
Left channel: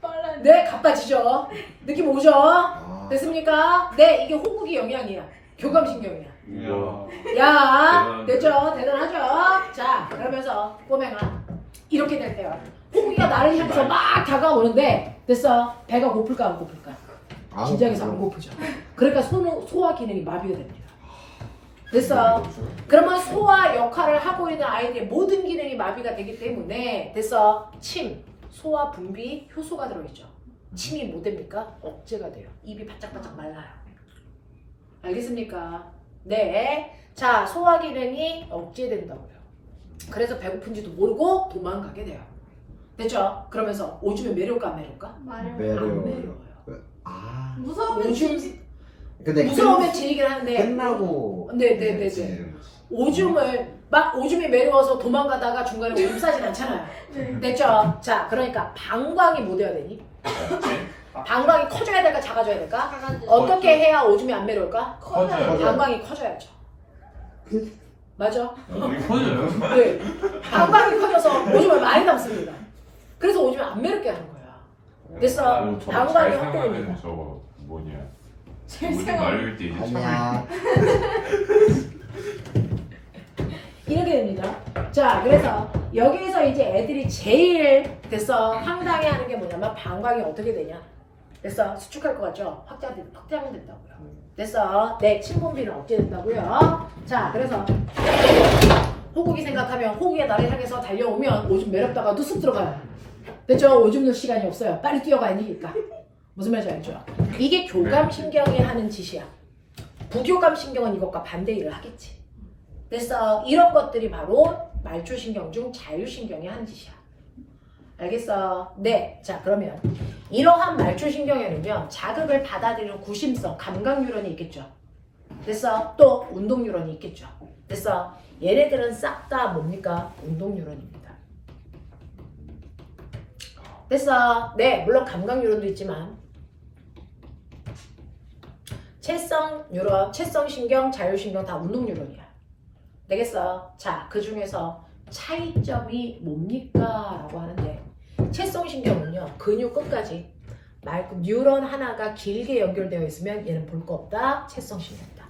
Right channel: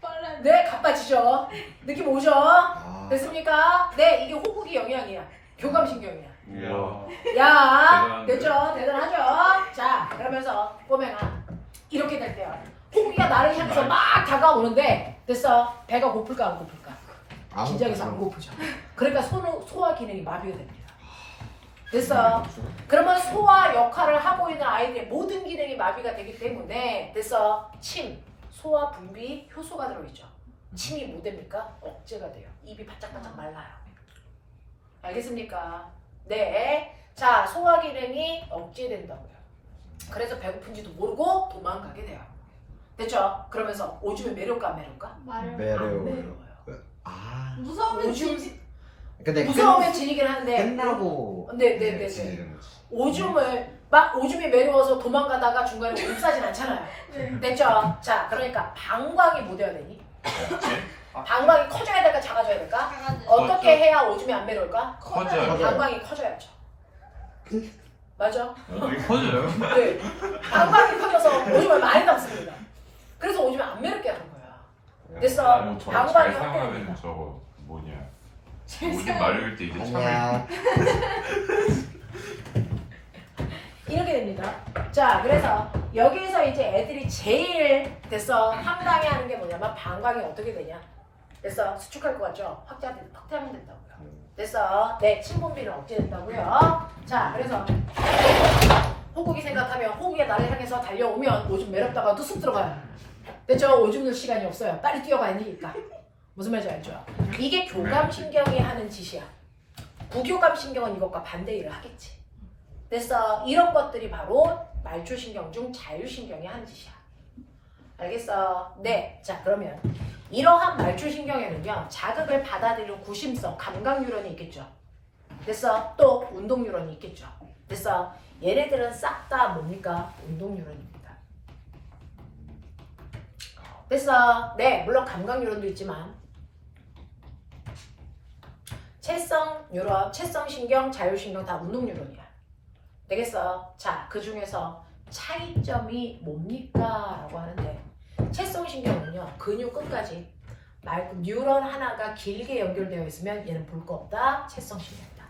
빨래. 네, 가빠지죠? 느낌 오죠? 아, 됐습니까? 네, 이게 호흡기 영향이야. 교감신경이야. 우와. 야, 대단한데? 됐죠? 대단하죠? 자, 그러면서 보면 이렇게 될 때요. 호흡기가 나를 향해서 막 다가오는데 됐어? 배가 고플까 안 고플까? 아, 긴장해서 안 고프죠. 그러니까 소화 기능이 마비가 됩니다. 됐어? 그러면 소화 역할을 하고 있는 아이들의 모든 기능이 마비가 되기 때문에 됐어? 침, 소화 분비 효소가 들어있죠. 침이 뭐 됩니까? 억제가 돼요. 입이 바짝바짝 말라요. 알겠습니까? 네. 자, 소화 기능이 억제된다고요. 그래서 배고픈지도 모르고 도망가게 돼요. 됐죠? 그러면서 오줌에 매려울까 안 매려울까? 말을. 매력. 안 매려워요. 아. 무서우면 오줌- 진지. 근데 무서우면 지니긴 하는데 끝나고. 네네네네. 지는 거지. 오줌을 막 오줌이 매려워서 도망가다가 중간에 오줌 싸진 않잖아요. 네. 됐죠? 자, 그러니까 방광이 뭐 돼야 되니? 어째? 방광이 커져야 될까 작아져야 될까? 가가지. 어떻게 해야 오줌이 안 매려울까? 커져요. 방광이 커져야죠. 맞아? 되게 커져요? 네. 방광이 커져서 오줌을 많이 남습니다. 그래서 오줌을 안 매렵게 하는 거야. 됐어. 아니, 저거 방광이 잘 확대됩니다. 사용하면 저거 뭐냐. 잘 오줌 세워. 마려울 때 이제 참. 아니야. 이렇게 됩니다. 자, 그래서 여기서 이제 애들이 제일 됐어 황당해하는 게 뭐냐면 방광이 어떻게 되냐? 됐어 수축할 것 같죠? 확장이 된다고요. 됐어 네 침분비는 억제된다고요. 자, 그래서 호국이 생각하면 호국이 나를 향해서 달려오면 오줌 매렵다가도 쑥 들어가요. 됐죠? 오줌 넣을 시간이 없어요. 빨리 뛰어가야 되니까. 무슨 말인지 알죠? 이게 교감신경이 하는 짓이야. 부교감신경은 이것과 반대 일을 하겠지. 됐어. 이런 것들이 바로 말초신경 중 자율신경이 하는 짓이야. 알겠어? 네. 자, 그러면 이러한 말초신경에는요 자극을 받아들이는 구심성, 감각뉴런이 있겠죠. 됐어? 또 운동 뉴런이 있겠죠. 됐어? 얘네들은 싹 다 뭡니까? 운동 뉴런입니다. 됐어? 네, 물론 감각 뉴런도 있지만 채성 뉴런, 채성 신경, 자율신경 다 운동 뉴런이야. 되겠어? 자, 그 중에서 차이점이 뭡니까? 라고 하는데 채성 신경은요, 근육 끝까지 뉴런 하나가 길게 연결되어 있으면 얘는 볼 거 없다. 채성 신경이다.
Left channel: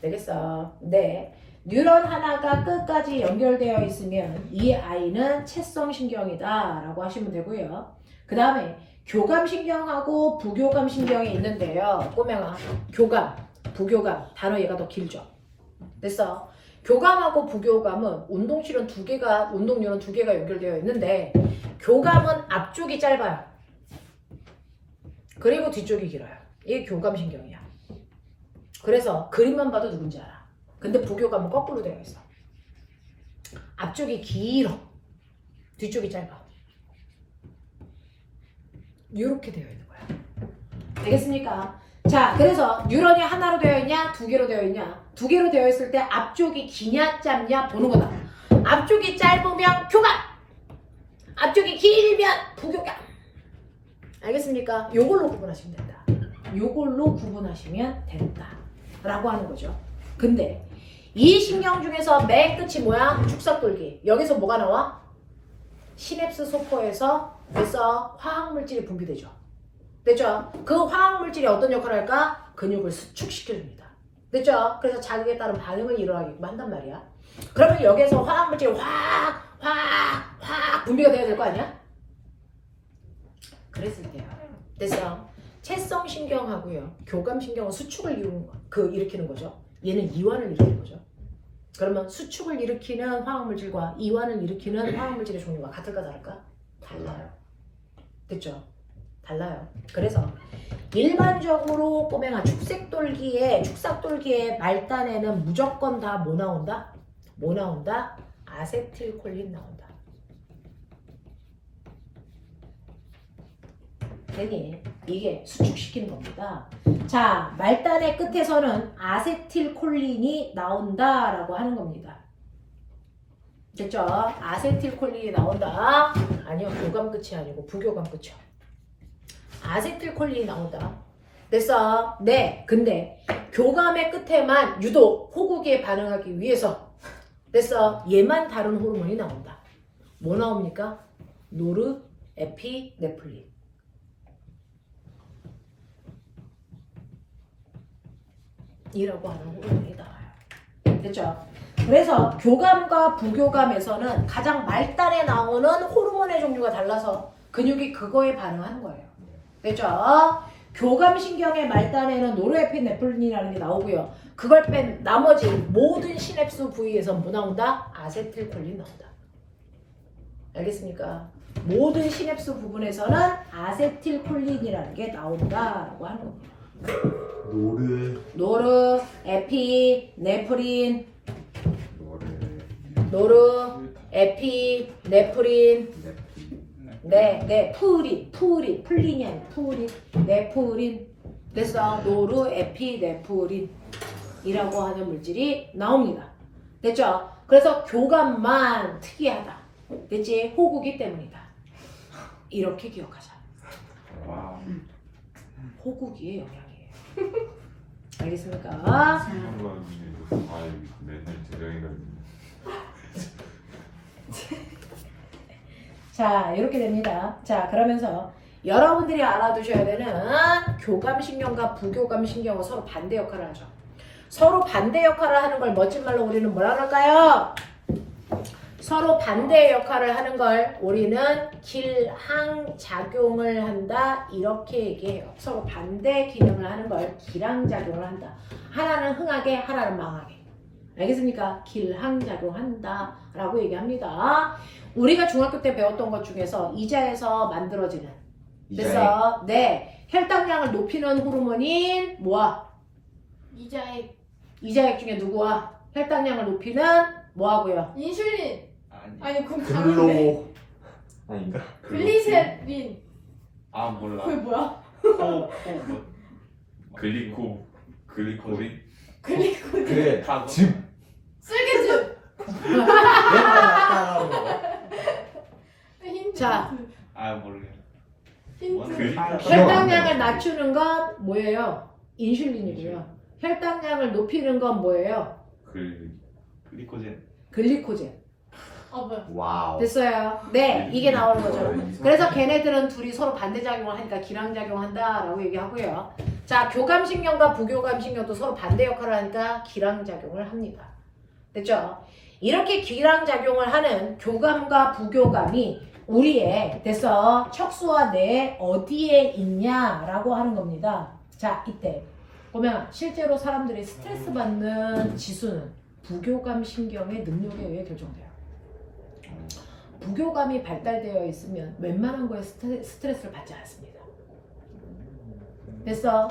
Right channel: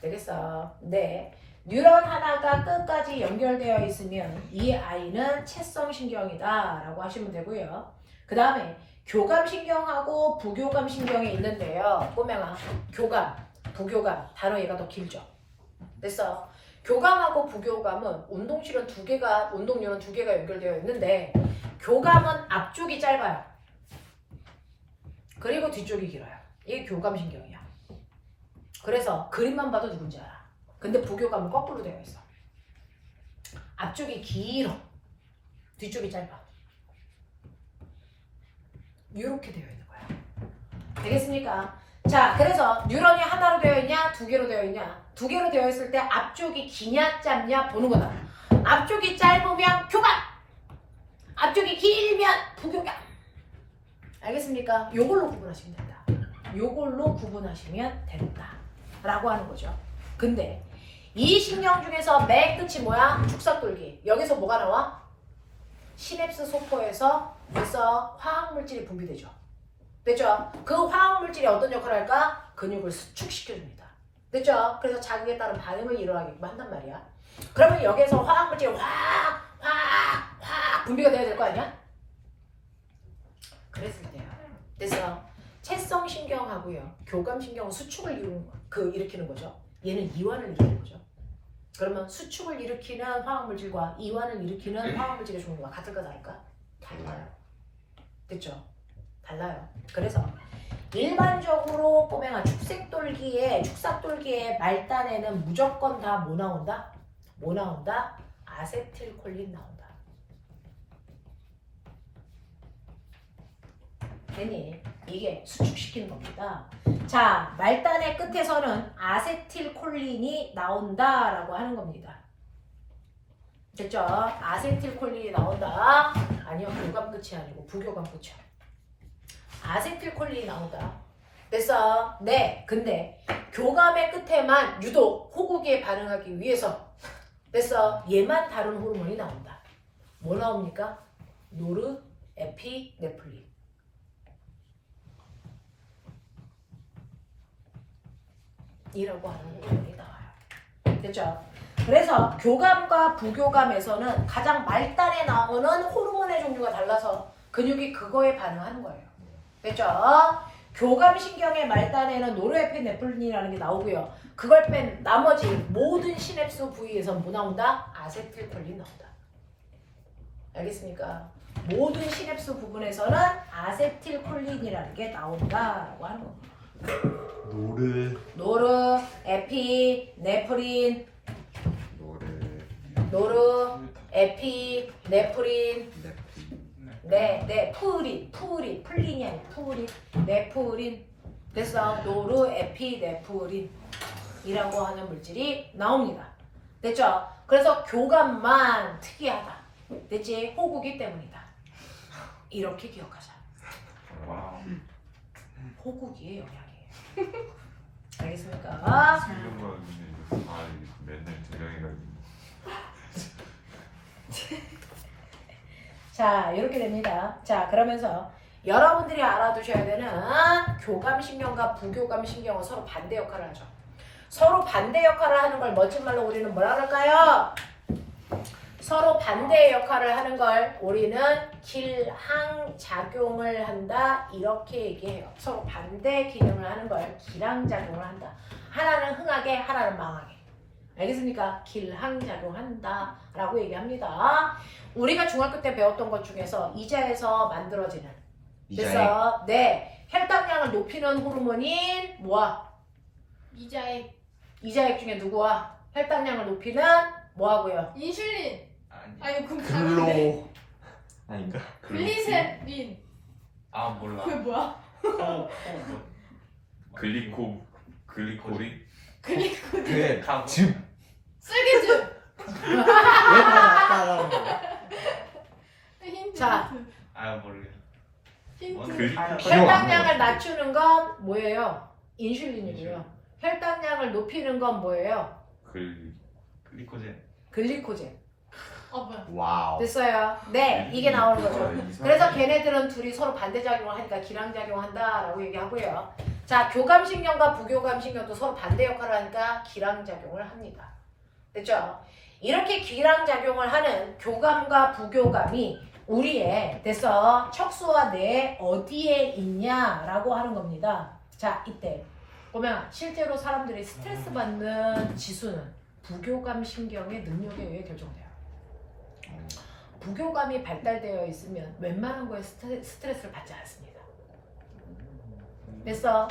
되겠어? 네. 뉴런 하나가 끝까지 연결되어 있으면 이 아이는 채성 신경이다 라고 하시면 되고요. 그 다음에 교감신경하고 부교감신경이 있는데요. 꼬맹아, 교감, 부교감, 단어 얘가 더 길죠. 됐어? 교감하고 부교감은 운동실은 운동률은 두 개가 연결되어 있는데 교감은 앞쪽이 짧아요. 그리고 뒤쪽이 길어요. 이게 교감신경이야. 그래서 그림만 봐도 누군지 알아. 근데 부교감은 거꾸로 되어 있어. 앞쪽이 길어. 뒤쪽이 짧아. 이렇게 되어 있는 거야. 되겠습니까? 자, 그래서 뉴런이 하나로 되어 있냐, 두 개로 되어 있냐. 두 개로 되어 있을 때 앞쪽이 기냐, 짧냐 보는 거다. 앞쪽이 짧으면 교감, 앞쪽이 길면 부교감. 알겠습니까? 요걸로 구분하시면 된다. 요걸로 구분하시면 된다. 라고 하는 거죠. 근데 이 신경 중에서 맨 끝이 뭐야? 축삭돌기. 여기서 뭐가 나와? 시냅스 소포에서 그래서 화학물질이 분비되죠. 됐죠? 그 화학물질이 어떤 역할을 할까? 근육을 수축시켜줍니다. 됐죠? 그래서 자극에 따른 반응을 일어나게끔 한단 말이야. 그러면 여기서 화학물질이 확 분비가 돼야 될 거 아니야? 그랬을 때요. 됐어? 채성신경하고요. 교감신경은 수축을 일으키는 거죠. 얘는 이완을 일으키는 거죠. 그러면 수축을 일으키는 화학물질과 이완을 일으키는 화학물질의 종류가 같을까 다를까? 달라요. 됐죠? 달라요. 그래서 일반적으로 꼬맹아 축삭돌기의 말단에는 무조건 다 뭐 나온다? 뭐 나온다? 아세틸콜린 나온다. 괜히 이게 수축시키는 겁니다. 자, 말단의 끝에서는 아세틸콜린이 나온다라고 하는 겁니다. 됐죠? 아세틸콜린이 나온다. 아니요, 교감 끝이 아니고 부교감 끝이요. 아세틸콜린이 나온다. 됐어? 네. 근데 교감의 끝에만 유독 호국에 반응하기 위해서 됐어? 얘만 다른 호르몬이 나온다. 뭐 나옵니까? 노르에피네프린. 이라고 하는 호르몬이 나와요. 됐죠? 그래서 교감과 부교감에서는 가장 말단에 나오는 호르몬의 종류가 달라서 근육이 그거에 반응하는 거예요. 됐죠? 교감신경의 말단에는 노르에피네프린이라는 게 나오고요. 그걸 뺀 나머지 모든 시냅스 부위에서 뭐 나온다? 아세틸콜린 나온다. 알겠습니까? 모든 시냅스 부분에서는 아세틸콜린이라는 게 나온다라고 하는 겁니다. 노르, 에피, 네프린, 에피, 네프린, 풀린이 아니고 풀린, 네프린. 됐어? 노르, 에피, 네프린이라고 하는 물질이 나옵니다. 됐죠? 그래서 교감만 특이하다. 됐지? 호구기 때문이다. 이렇게 기억하자. 와우. 호구기의 영향이에요. 알겠습니까? 맨날 두명이가 자, 이렇게 됩니다. 자, 그러면서 여러분들이 알아두셔야 되는 교감신경과 부교감신경은 서로 반대 역할을 하죠. 서로 반대 역할을 하는 걸 멋진 말로 우리는 뭐라 그럴까요? 서로 반대의 역할을 하는 걸 우리는 길항작용을 한다 이렇게 얘기해요. 서로 반대 기능을 하는 걸 길항작용을 한다. 하나는 흥하게, 하나는 망하게. 알겠습니까? 길항작용한다 라고 얘기합니다. 우리가 중학교 때 배웠던 것 중에서 이자에서 만들어지는 그래서 네, 혈당량을 높이는 호르몬인 뭐야? 이자액 중에 누구와? 혈당량을 높이는 뭐하고요? 인슐린. 아니. 아니 그럼 다른데. 아닌가? 글리세린. 아 몰라. 그게 뭐야? 뭐. 글리코리? 그래 카고. 쓸개즙. 얘가 거 힌트. 자. 힌트. 아 모르겠어. 힌트. 혈당량을 낮추는 건 뭐예요? 인슐린이고요. 혈당량을 높이는 건 뭐예요? 글리코젠. 글리코젠. 뭐야? 와우. 됐어요. 네, 이게 나오는 거죠. 이상하네. 그래서 걔네들은 둘이 서로 반대작용을 하니까 기량작용한다라고 얘기하고요. 자, 교감신경과 부교감신경도 서로 반대 역할을 하니까 기량작용을 합니다. 됐죠? 이렇게 기량작용을 하는 교감과 부교감이 우리의 됐어 척수와 뇌 어디에 있냐라고 하는 겁니다. 자, 이때 보면 실제로 사람들이 스트레스 받는 지수는 부교감신경의 능력에 의해 결정돼요. 부교감이 발달되어 있으면 웬만한 거에 스트레스를 받지 않습니다. 그래서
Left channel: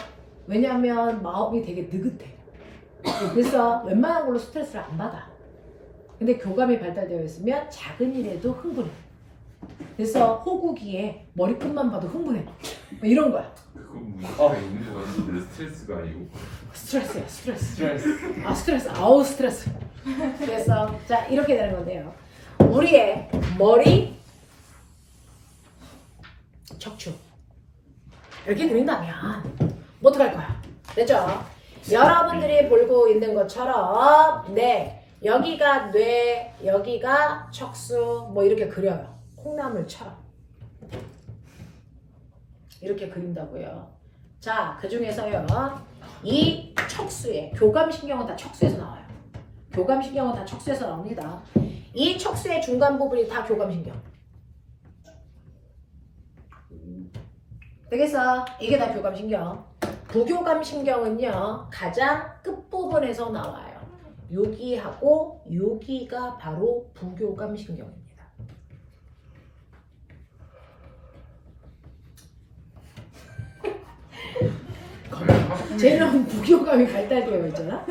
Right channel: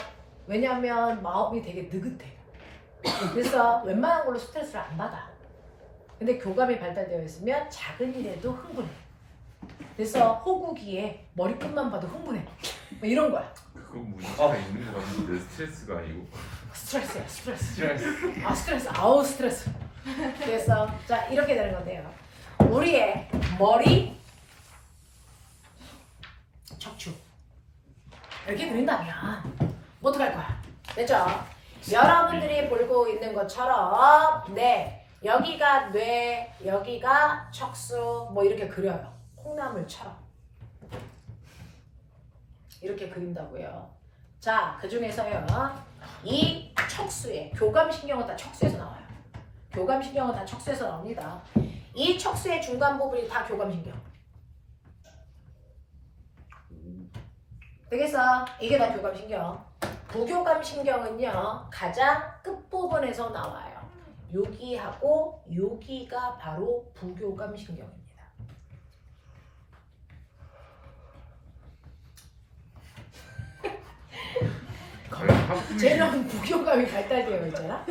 왜냐하면 마음이 되게 느긋해. 그래서 웬만한 걸로 스트레스를 안 받아. 근데 교감이 발달되어 있으면 작은 일에도 흥분해. 그래서 호구기에 머리끝만 봐도 흥분해. 뭐 이런 거야. 그거 문제가 있는 거 같은데 스트레스가 아니고. 스트레스야, 스트레스. 아, 스트레스. 아우, 스트레스. 그래서 자, 이렇게 되는 건데요. 우리의 머리, 척추 이렇게 그린다면 뭐 어떡할 거야? 됐죠? 여러분들이 보고 있는 것처럼 네, 여기가 뇌, 여기가 척수 뭐 이렇게 그려요. 콩나물처럼 이렇게 그린다고요. 자, 그 중에서요 이 척수에 교감신경은 다 척수에서 나와요. 교감신경은 다 척수에서 나옵니다. 이 척수의 중간 부분이 다 교감신경. 되겠어? 이게 다 교감신경. 부교감신경은요 가장 끝부분에서 나와요. 여기하고 여기가 바로 부교감신경입니다. 쟤는 부교감이 발달되어 있잖아.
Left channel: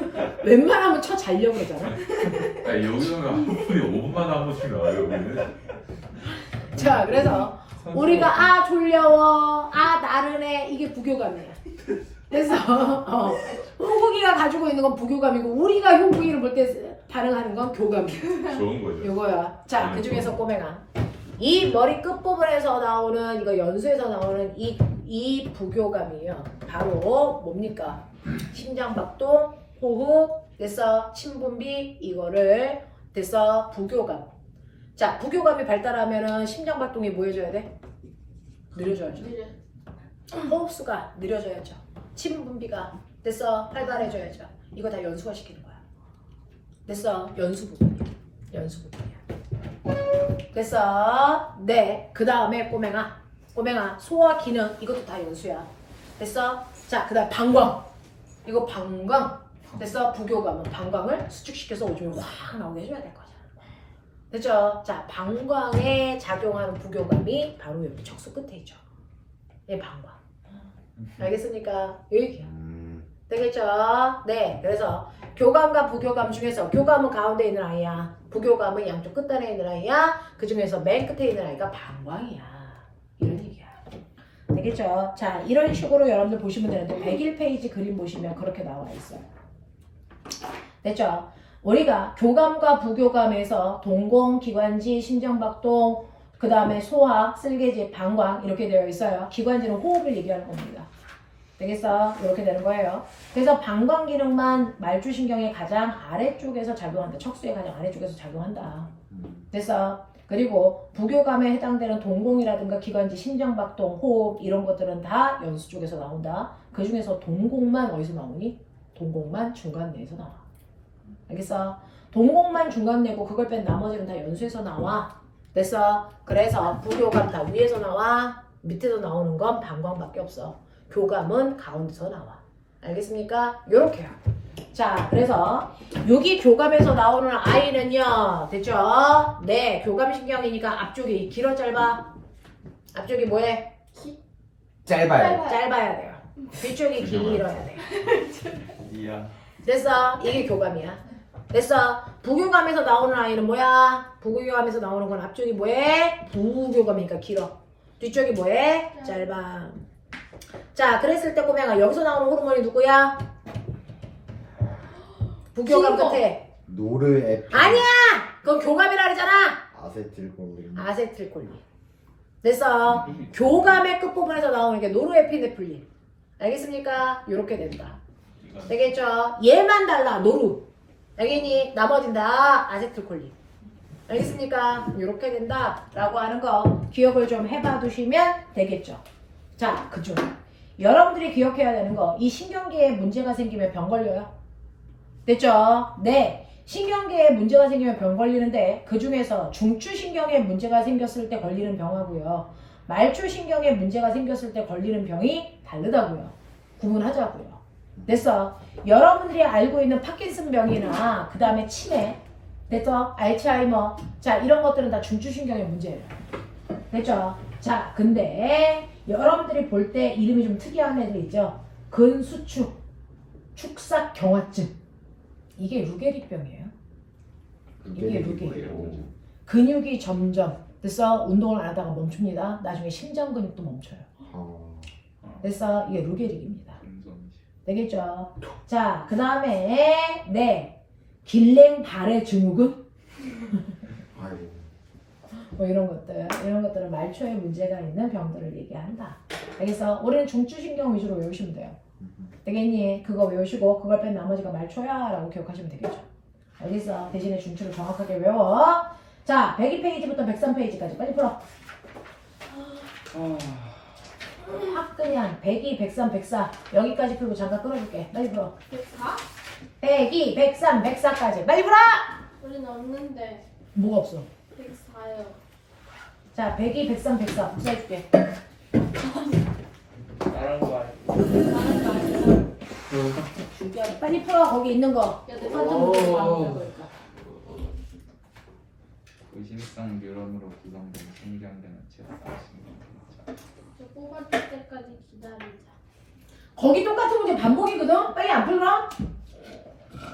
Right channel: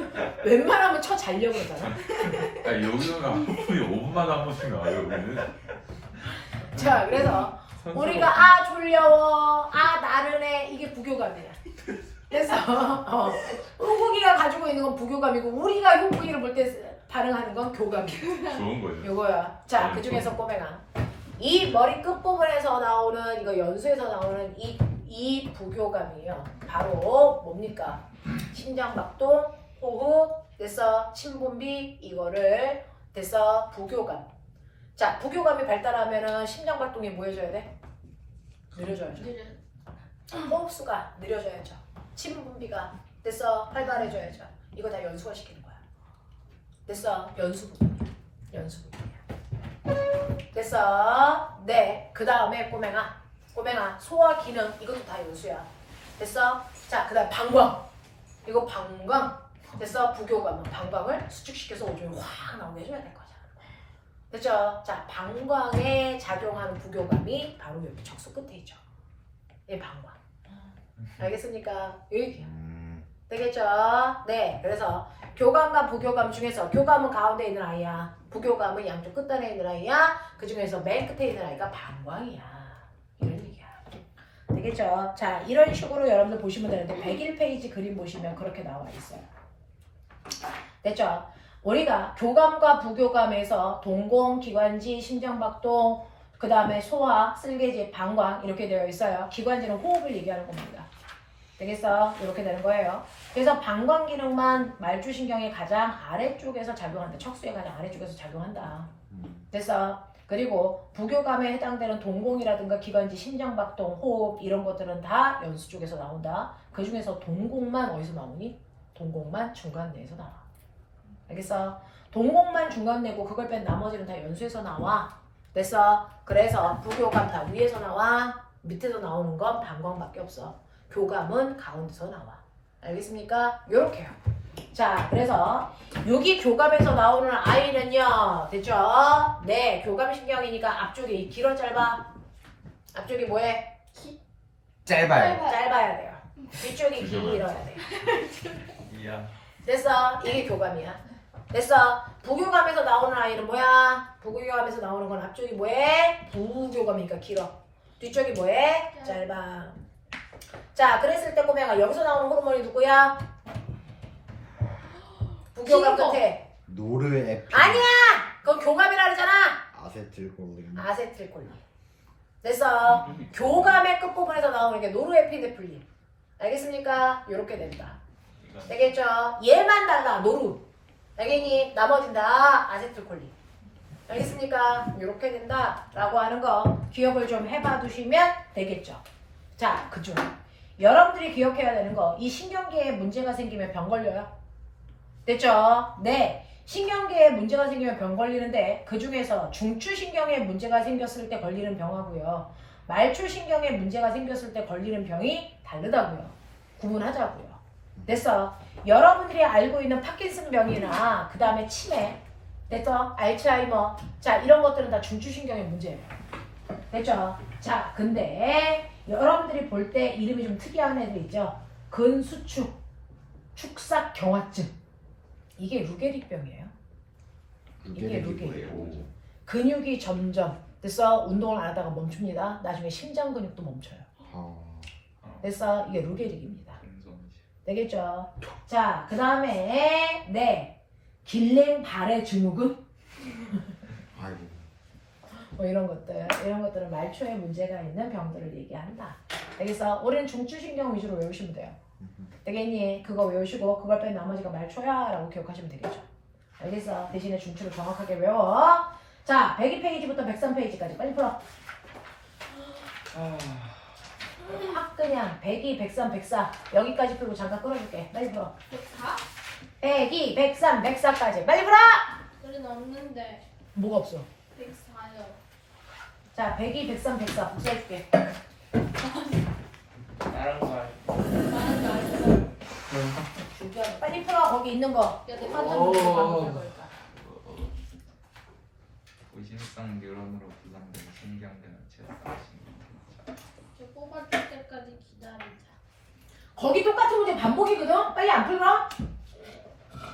웬만하면 쳐 자려고 그러잖아. 아 여기서는 하루에 5분마다 한 번씩 나와요 우리는. 자, 그래서 우리가 아 졸려워, 아 나른해 이게 부교감이야. 그래서 호구기가 가지고 있는 건 부교감이고 우리가 호구기를 볼 때 반응하는 건 교감이야. 좋은 거예요. 이거야. 자, 그 중에서 꼬맹아 이 머리 끝 부분에서 나오는 이거 연수에서 나오는 이 부교감이에요. 바로 뭡니까? 심장박동, 호흡, 됐어 침분비 이거를 됐어 부교감. 자, 부교감이 발달하면은 심장박동이 뭐 해줘야 돼? 느려져야죠. 느려. 호흡수가 느려져야죠. 침분비가 됐어 활발해져야죠. 이거 다 연수가 시키는 거야. 됐어 연수 부분이야. 연수 부분이야. 됐어. 네. 그 다음에 꼬맹아 소화 기능 이것도 다 연수야. 됐어. 자, 그 다음 방광 이거 방광 됐어. 부교감은 방광을 수축시켜서 오줌을 확 나오게 해줘야 될 거잖아. 됐죠? 자, 방광에 작용하는 부교감이 바로 여기 척수 끝에 있죠. 얘 방광. 알겠습니까? 여기야. 되겠죠? 네. 그래서 교감과 부교감 중에서 교감은 가운데 있는 아이야. 부교감은 양쪽 끝단에 있는 아이야. 그 중에서 맨 끝에 있는 아이가 방광이야. 이런 얘기야. 되겠죠? 자, 이런 식으로 여러분들 보시면 되는데 101페이지 그림 보시면 그렇게 나와 있어요. 됐죠? 우리가 교감과 부교감에서 동공, 기관지, 심장박동, 그 다음에 소화, 쓸개지, 방광 이렇게 되어 있어요. 기관지는 호흡을 얘기하는 겁니다. 되겠어? 이렇게 되는 거예요. 그래서 방광 기능만 말주신경의 가장 아래쪽에서 작용한다. 척수의 가장 아래쪽에서 작용한다. 됐어? 그리고 부교감에 해당되는 동공이라든가 기관지, 심장박동, 호흡 이런 것들은 다 연수 쪽에서 나온다. 그 중에서 동공만 어디서 나오니? 동공만 중간내에서 나와. 알겠어? 동공만 중간내고 그걸 뺀 나머지는 다 연수에서 나와. 됐어? 그래서 부교감 다 위에서 나와. 밑에서 나오는 건 방광밖에 없어. 교감은 가운데서 나와. 알겠습니까? 요렇게요. 자, 그래서 여기 교감에서 나오는 아이는요. 됐죠? 네, 교감신경이니까 앞쪽이 길어 짧아? 앞쪽이 뭐해? 짧아요. 짧아야 돼요. 뒤쪽이 길어야 돼요. 이야. 됐어? 이게 교감이야. 됐어? 부교감에서 나오는 아이는 뭐야? 부교감에서 나오는 건 앞쪽이 뭐해? 부교감이니까 길어. 뒤쪽이 뭐해? 짧아. 자, 그랬을 때 꼬맹아 여기서 나오는 호르몬이 누구야? 부교감 신고. 끝에. 노르에핀. 아니야! 그건 교감이라 그러잖아. 아세틸콜린. 아세틸콜린. 됐어. 교감의 끝부분에서 나오는 게 노르에피네프린. 알겠습니까? 요렇게 된다. 이건 되겠죠? 얘만 달라. 노루. 알겠니? 나머진 다 아세틸콜린. 알겠습니까? 요렇게 된다. 라고 하는 거 기억을 좀 해봐 두시면 되겠죠. 자, 그중 여러분들이 기억해야 되는 거, 이 신경계에 문제가 생기면 병 걸려요. 됐죠? 네. 신경계에 문제가 생기면 병 걸리는데 그 중에서 중추신경에 문제가 생겼을 때 걸리는 병하고요. 말초신경에 문제가 생겼을 때 걸리는 병이 다르다고요. 구분하자고요. 됐어? 여러분들이 알고 있는 파킨슨병이나 그 다음에 치매, 됐어? 알츠하이머, 자 이런 것들은 다 중추신경의 문제예요. 됐죠? 자 근데 여러분들이 볼 때 이름이 좀 특이한 애들 있죠? 근수축, 축삭경화증. 이게 루게릭병이에요. 이게 루게릭. 근육이 점점 됐어? 운동을 안 하다가 멈춥니다. 나중에 심장 근육도 멈춰요. 됐어? 이게 루게릭입니다. 금손이시. 되겠죠? 자, 그 다음에 네 길랭발의 증후군 아이고. 뭐 이런 것들은 말초에 문제가 있는 병들을 얘기한다. 알겠어? 우리는 중추신경 위주로 외우시면 돼요. 되겠니? 그거 외우시고 그걸 뺀 나머지가 말초야 라고 기억하시면 되겠죠. 알겠어? 대신에 중추를 정확하게 외워. 자, 102페이지부터 103페이지까지 빨리 풀어. 확 그냥 102, 103, 104 여기까지 풀고 잠깐 끊어줄게. 빨리 풀어. 104? 102, 103, 104까지 빨리 풀어! 우리는 없는데 뭐가 없어? 104요. 자, 102, 103, 104 복사해줄게. 다른 거 준비하고 빨리 풀어. 거기 있는 거. 야, 내 의심성 뉴런으로 구성된 신경계는 체압 신경. 저 뽑아줄 때까지 기다리자. 거기 똑같은 문제 반복이거든? 빨리 안 풀어?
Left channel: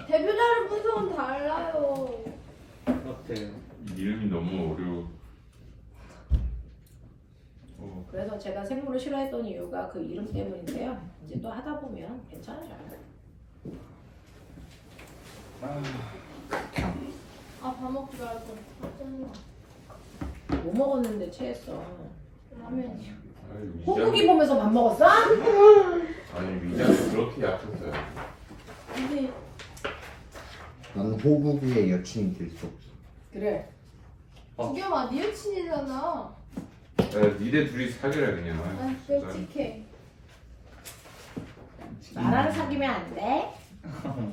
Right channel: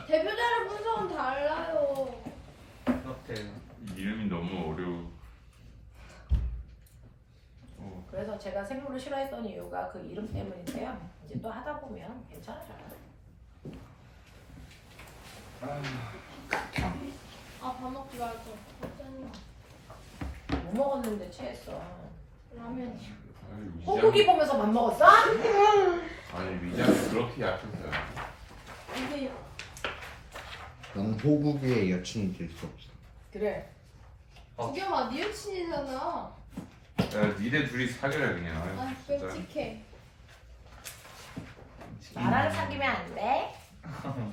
대표자를 분석은 달라요. 어때요? 이름이 너무 어려워. 그래서 제가 생물을 싫어했던 이유가 그 이름 때문인데요. 이제 또 하다 보면 괜찮아져요. 아, 밥 먹지 말고. 뭐 먹었는데 체했어. 라면이요. 아니, 소고기 보면서 밥 먹었어? 아니 위장이 그렇게 약했어요. 근데 나는 호국의 여친이 될 수 없어. 그래. 구경아, 네 여친이잖아. 야 니네 둘이 사귀라 그냥. 아, 진짜. 끔찍해. 나라를 사귀면 안 돼?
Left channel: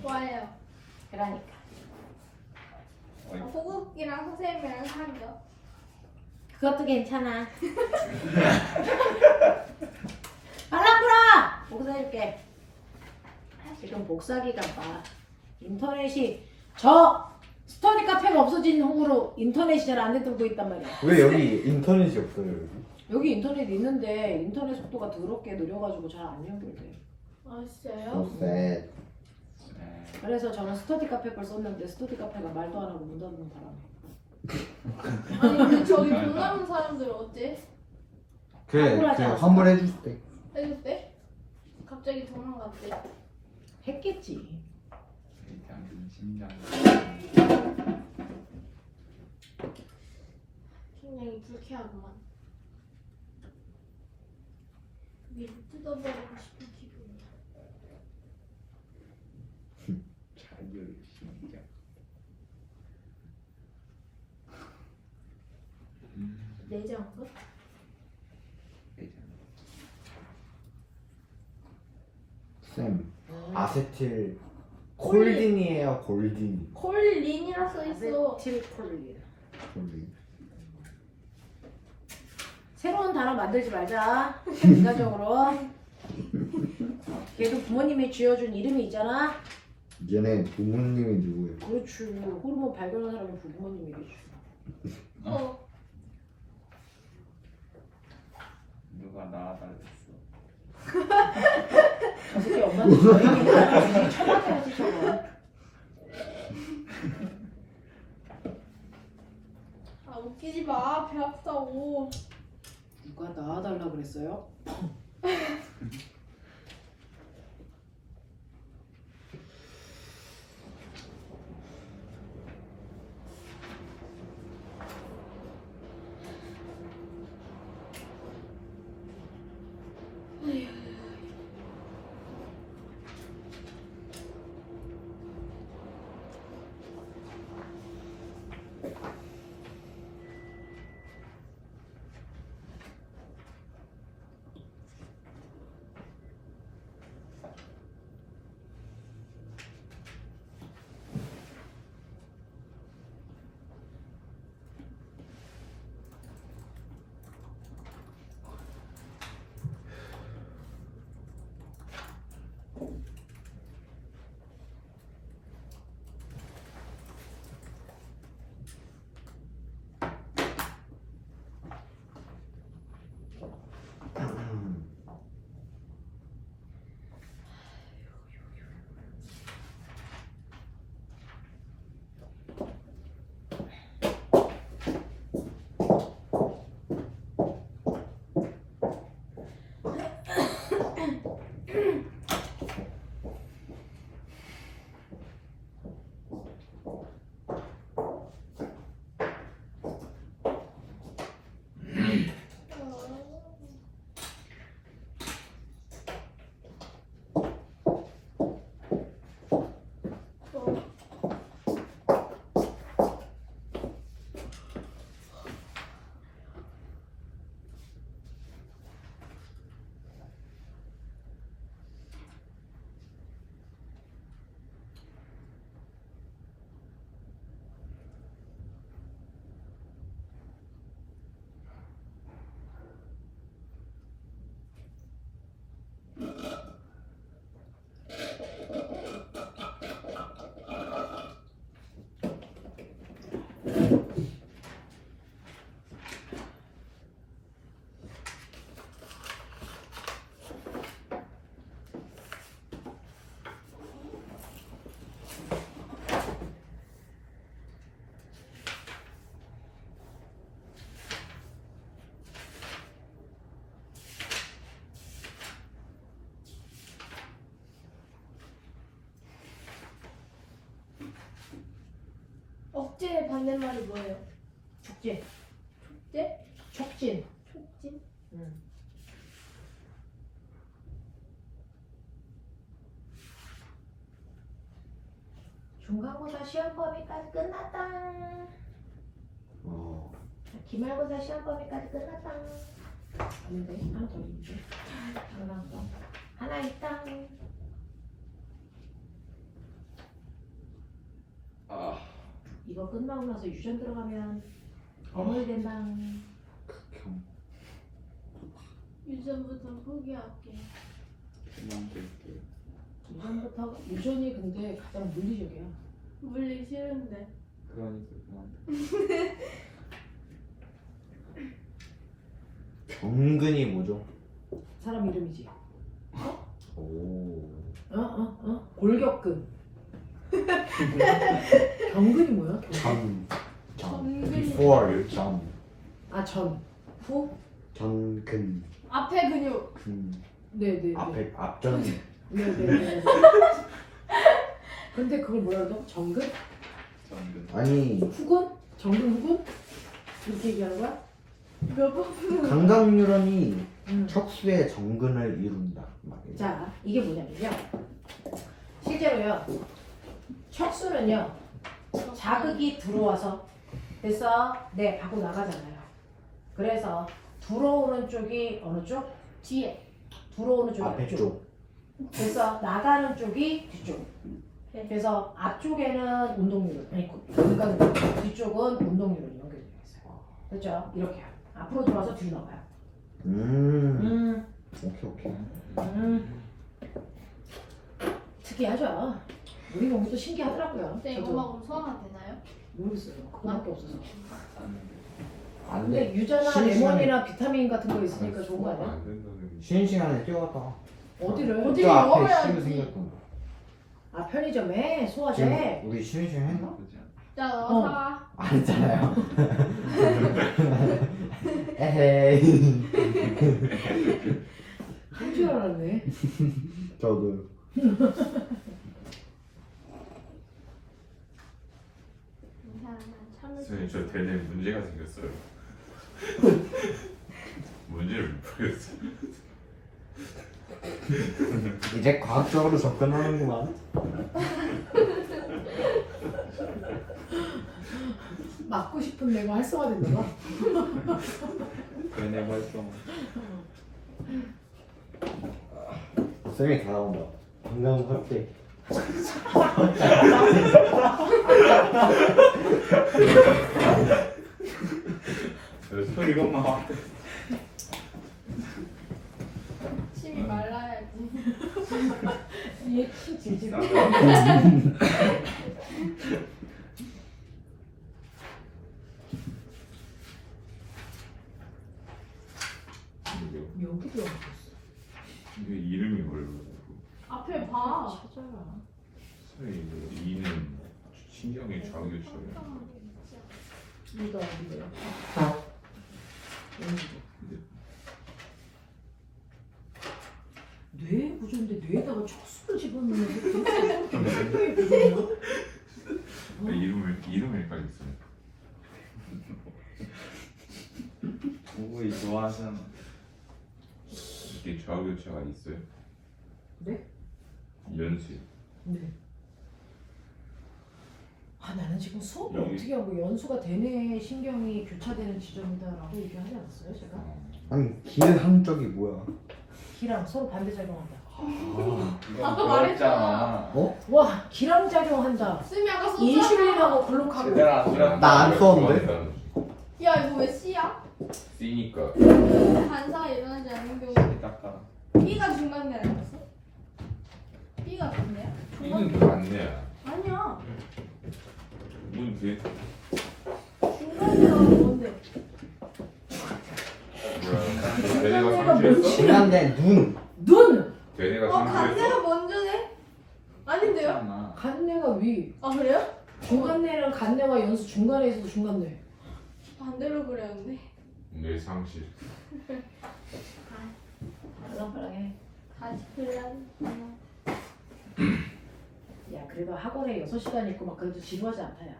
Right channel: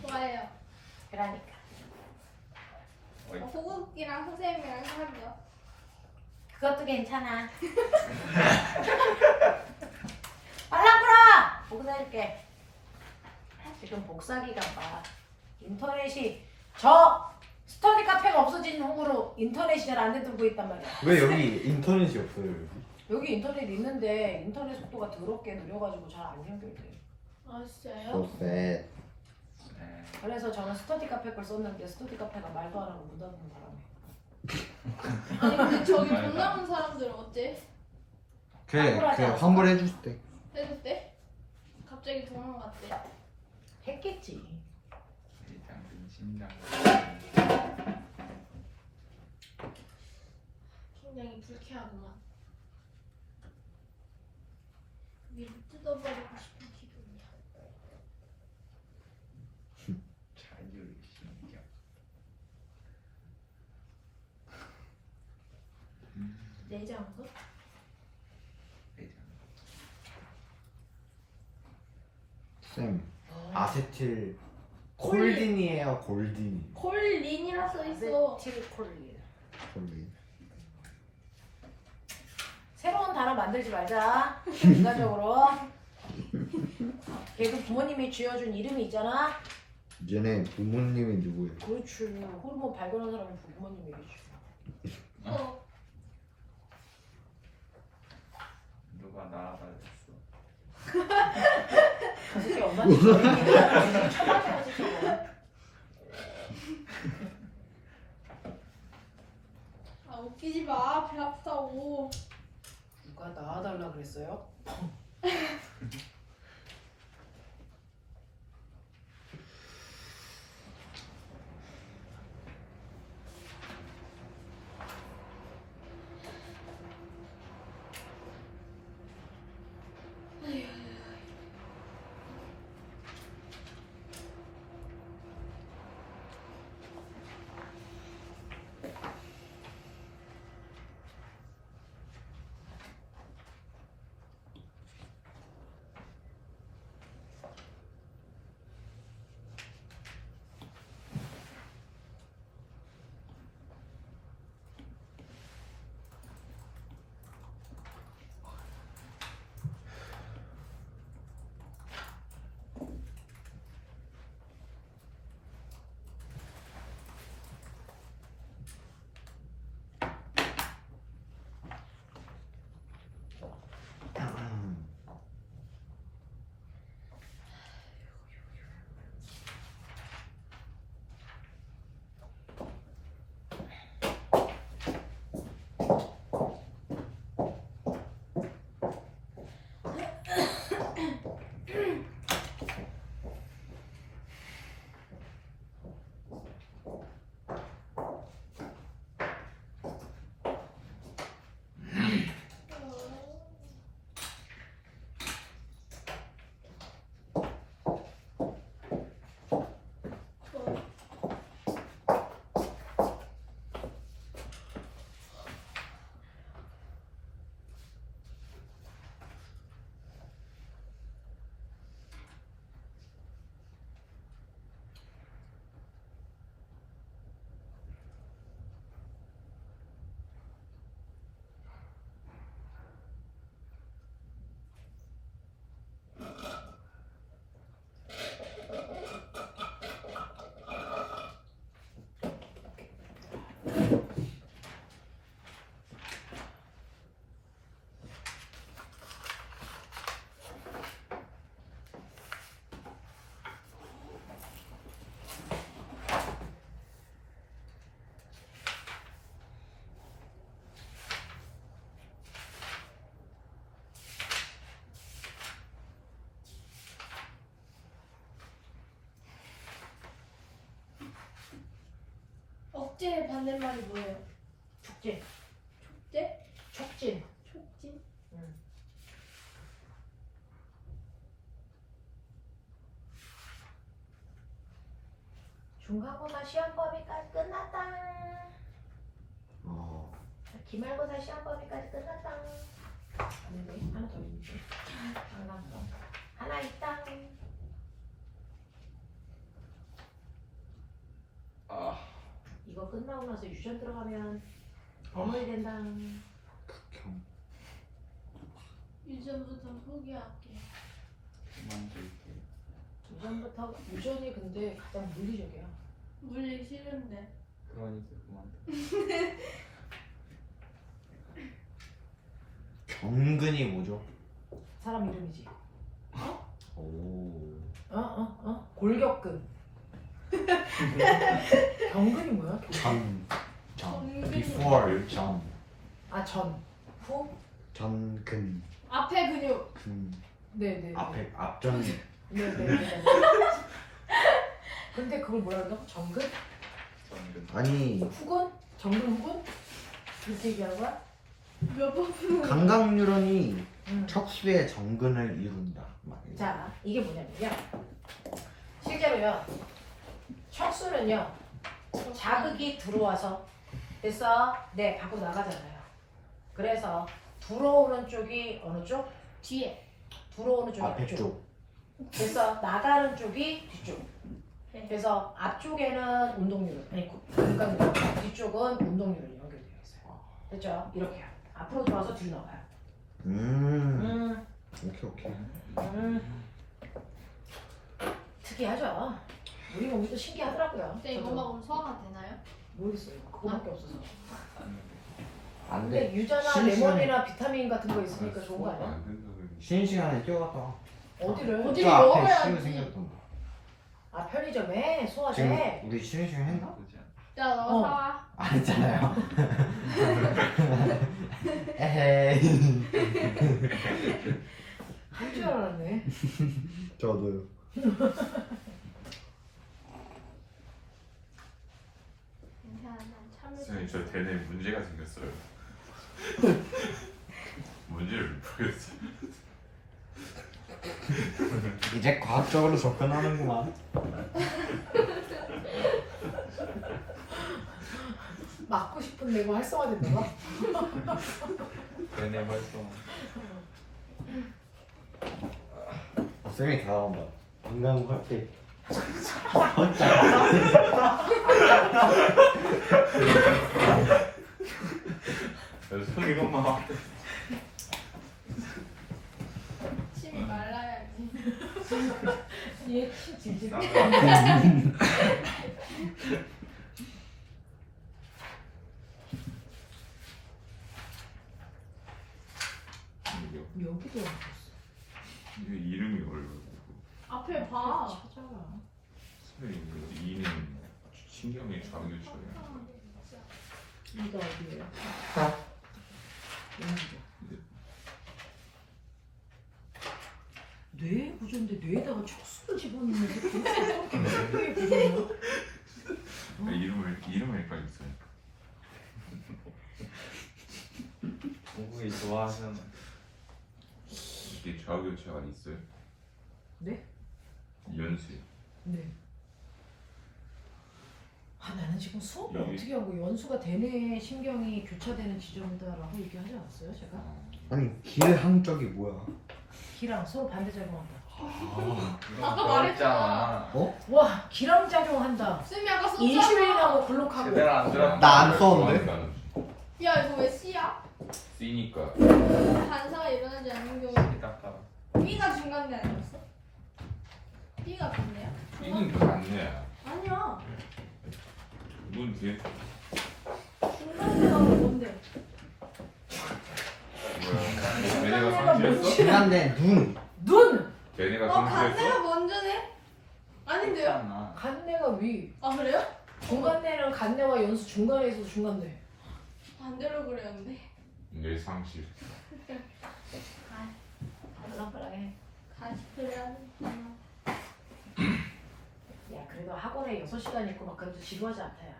좋아요. 그러니까. 호국이랑 선생님이랑 사귀어. 그것도 괜찮아. 빨랑 풀어! 복사해줄게. 지금 복사기가 봐. 인터넷이 저 스터디 카페가 없어진 후로 인터넷이 잘 안 되고 있단 말이야. 왜 여기 인터넷이 없어요 여기? 여기 인터넷 있는데 인터넷 속도가 더럽게 느려가지고 잘 안 연결돼. 아, 진짜요? So sad. 그래서 저는 스터디 카페 걸 썼는데 스터디 카페가 말도 안 하고 문 닫는 바람에. 아니, 근데 저기 돈 남은 사람들 어때? 환불하지 그냥 않았어? 환불해 줄 때. 해줄 때? 갑자기 도망갔대. 했겠지. 일단 신경. 굉장히 불쾌하구만. 위를 뜯어버리고 싶은 기분이야. 자율 신경. 내장도? 쌤. 아세틸 콜린이에요 골딘. 콜린이라 써있어. 아세틸콜린. 콜린. 새로운 단어 만들지 말자. 인간적으로. 걔도 부모님이 지어준 이름이 있잖아. 얘네 부모님이 누구예요? 그렇지. 호르몬 발견한 사람이 부모님이겠지. 어. 누가 나와달랬어. 저 새끼 엄마한테 저 얘기 처음이야지 저거. 아, 웃기지 마. 배 아프다고. 누가 나와달라 그랬어요? 억제의 반대말이 뭐예요? 촉진. 촉제? 촉진. 촉진? 중간고사 시험 범위까지 끝났다. 기말고사 시험 범위까지 끝났다. 아닌데 하나 더 있는데. 장난감. 하나 있다. 아, 이거 끝나고 나서 유전 들어가면 어머니 된다. 극혐. 유전부터 포기할게. 그만 볼게. 유전부터 유전이 근데 가장 물리적이야. 물리 싫은데. 그러니까 그만. 정근이 뭐죠? 사람 이름이지. 오. 골격근. 경근이 뭐야? 경근. 전. 전근이. Before 전. 아 전. 후. 전근. 앞에 근육. 근. 네네. 앞에 앞전. 네네. 근데 그걸 뭐라 그러죠? 정근? 정근. 아니 후근? 정근 후근? 이렇게 얘기하는 거야? 몇번 푸는 강강유런이 음. 척수의 정근을 이룬다. 막 이래. 자, 이게 뭐냐면요. 실제로요. 척수는요. 자극이 들어와서 됐어? 네, 밖으로 나가잖아요. 그래서 들어오는 쪽이 어느 쪽? 뒤에. 들어오는 쪽이 앞에 앞쪽. 쪽. 그래서 나가는 쪽이 뒤쪽. 네. 그래서 앞쪽에는 운동률, 그러니까 뒤쪽은 운동률이 연결되어 있어요. 그렇죠? 이렇게 앞으로 들어와서 뒤로 나가요. 오케이. 특이하죠. 우리 몸도 신기하더라고요. 그때 저도 영어하고 수학만 되나요? 모르겠어요. 그거밖에 없어서. 안 근데 돼. 유전이나 쉬는 시간에 레몬이나 비타민 같은 거 있으니까 좋은 거 아니야? 안 된다는 쉬는 시간에 뛰어갔다 와. 어디를? 어디- 저 앞에 먹어야지. 쉬는 생겼구나. 아 편의점에 지금 소화제. 우리 쉬는 시간 했나? 그지 않아? 자, 너 어. 사와. 안 했잖아요. 에헤이. 한 주에 줄 알았네. 저도. 괜찮아. 참을 수 선생님 저 대뇌 문제가 생겼어요. 문제를 못 풀겠어요. 이제 과학적으로 접근하는구만. 맞고 싶은 내가 활성화된 거가. 대뇌 활성. 쌤이 다 나온다. 건강 확대. 이거만 침이 말라야지. 얘침 질질. 여기도 이게 이름이 뭘로? 앞에 봐. 찾아라. 선생님 이는 신경의 자극처럼. 이거 어디예요? 뇌 구조인데 뇌에다가 촉수를 집어넣는 게 생각이 구조예요? 이름을 헷갈렸어요. 공부이 좋아하잖아. 이게 좌우교차가 있어요? 네? 연수요. 네. 아 나는 지금 수업을 여기. 어떻게 하고 연수가 대뇌 신경이 교차되는 지점이다라고 얘기하지 않았어요 제가? 아니 길 한쪽이 뭐야? 기랑 서로 반대 작용한다. 이거 아까 배웠잖아. 와 기랑 작용한다. 쌤이 아까 썼잖아. 인슐린하고 글루카고. 제대로 안 들었다. 나 안 썼는데? 야 이거 왜 C야? C니까. 반사가 일어나지 않는 경우. 깎아. B가 중간대 아니었어? B가 같네요? B는 맞네. 아니야. 문 뒤에 중간대가 뭔데? 뭐야? 대뇌가 상실했어? 지난데 눈. 눈! 대뇌가 간대가 상실했어? 먼저네? 아닌데요? 잖아. 간내가 위. 아 그래요? 중간내랑 간내와 연수 중간에 있어서 중간내. 반대로 그렸는데. 뇌 상실. 알랑빨랑해. 다시 그려야지. 야 그래도 학원에 6시간 있고 막 그래도 지루하지 않다 야.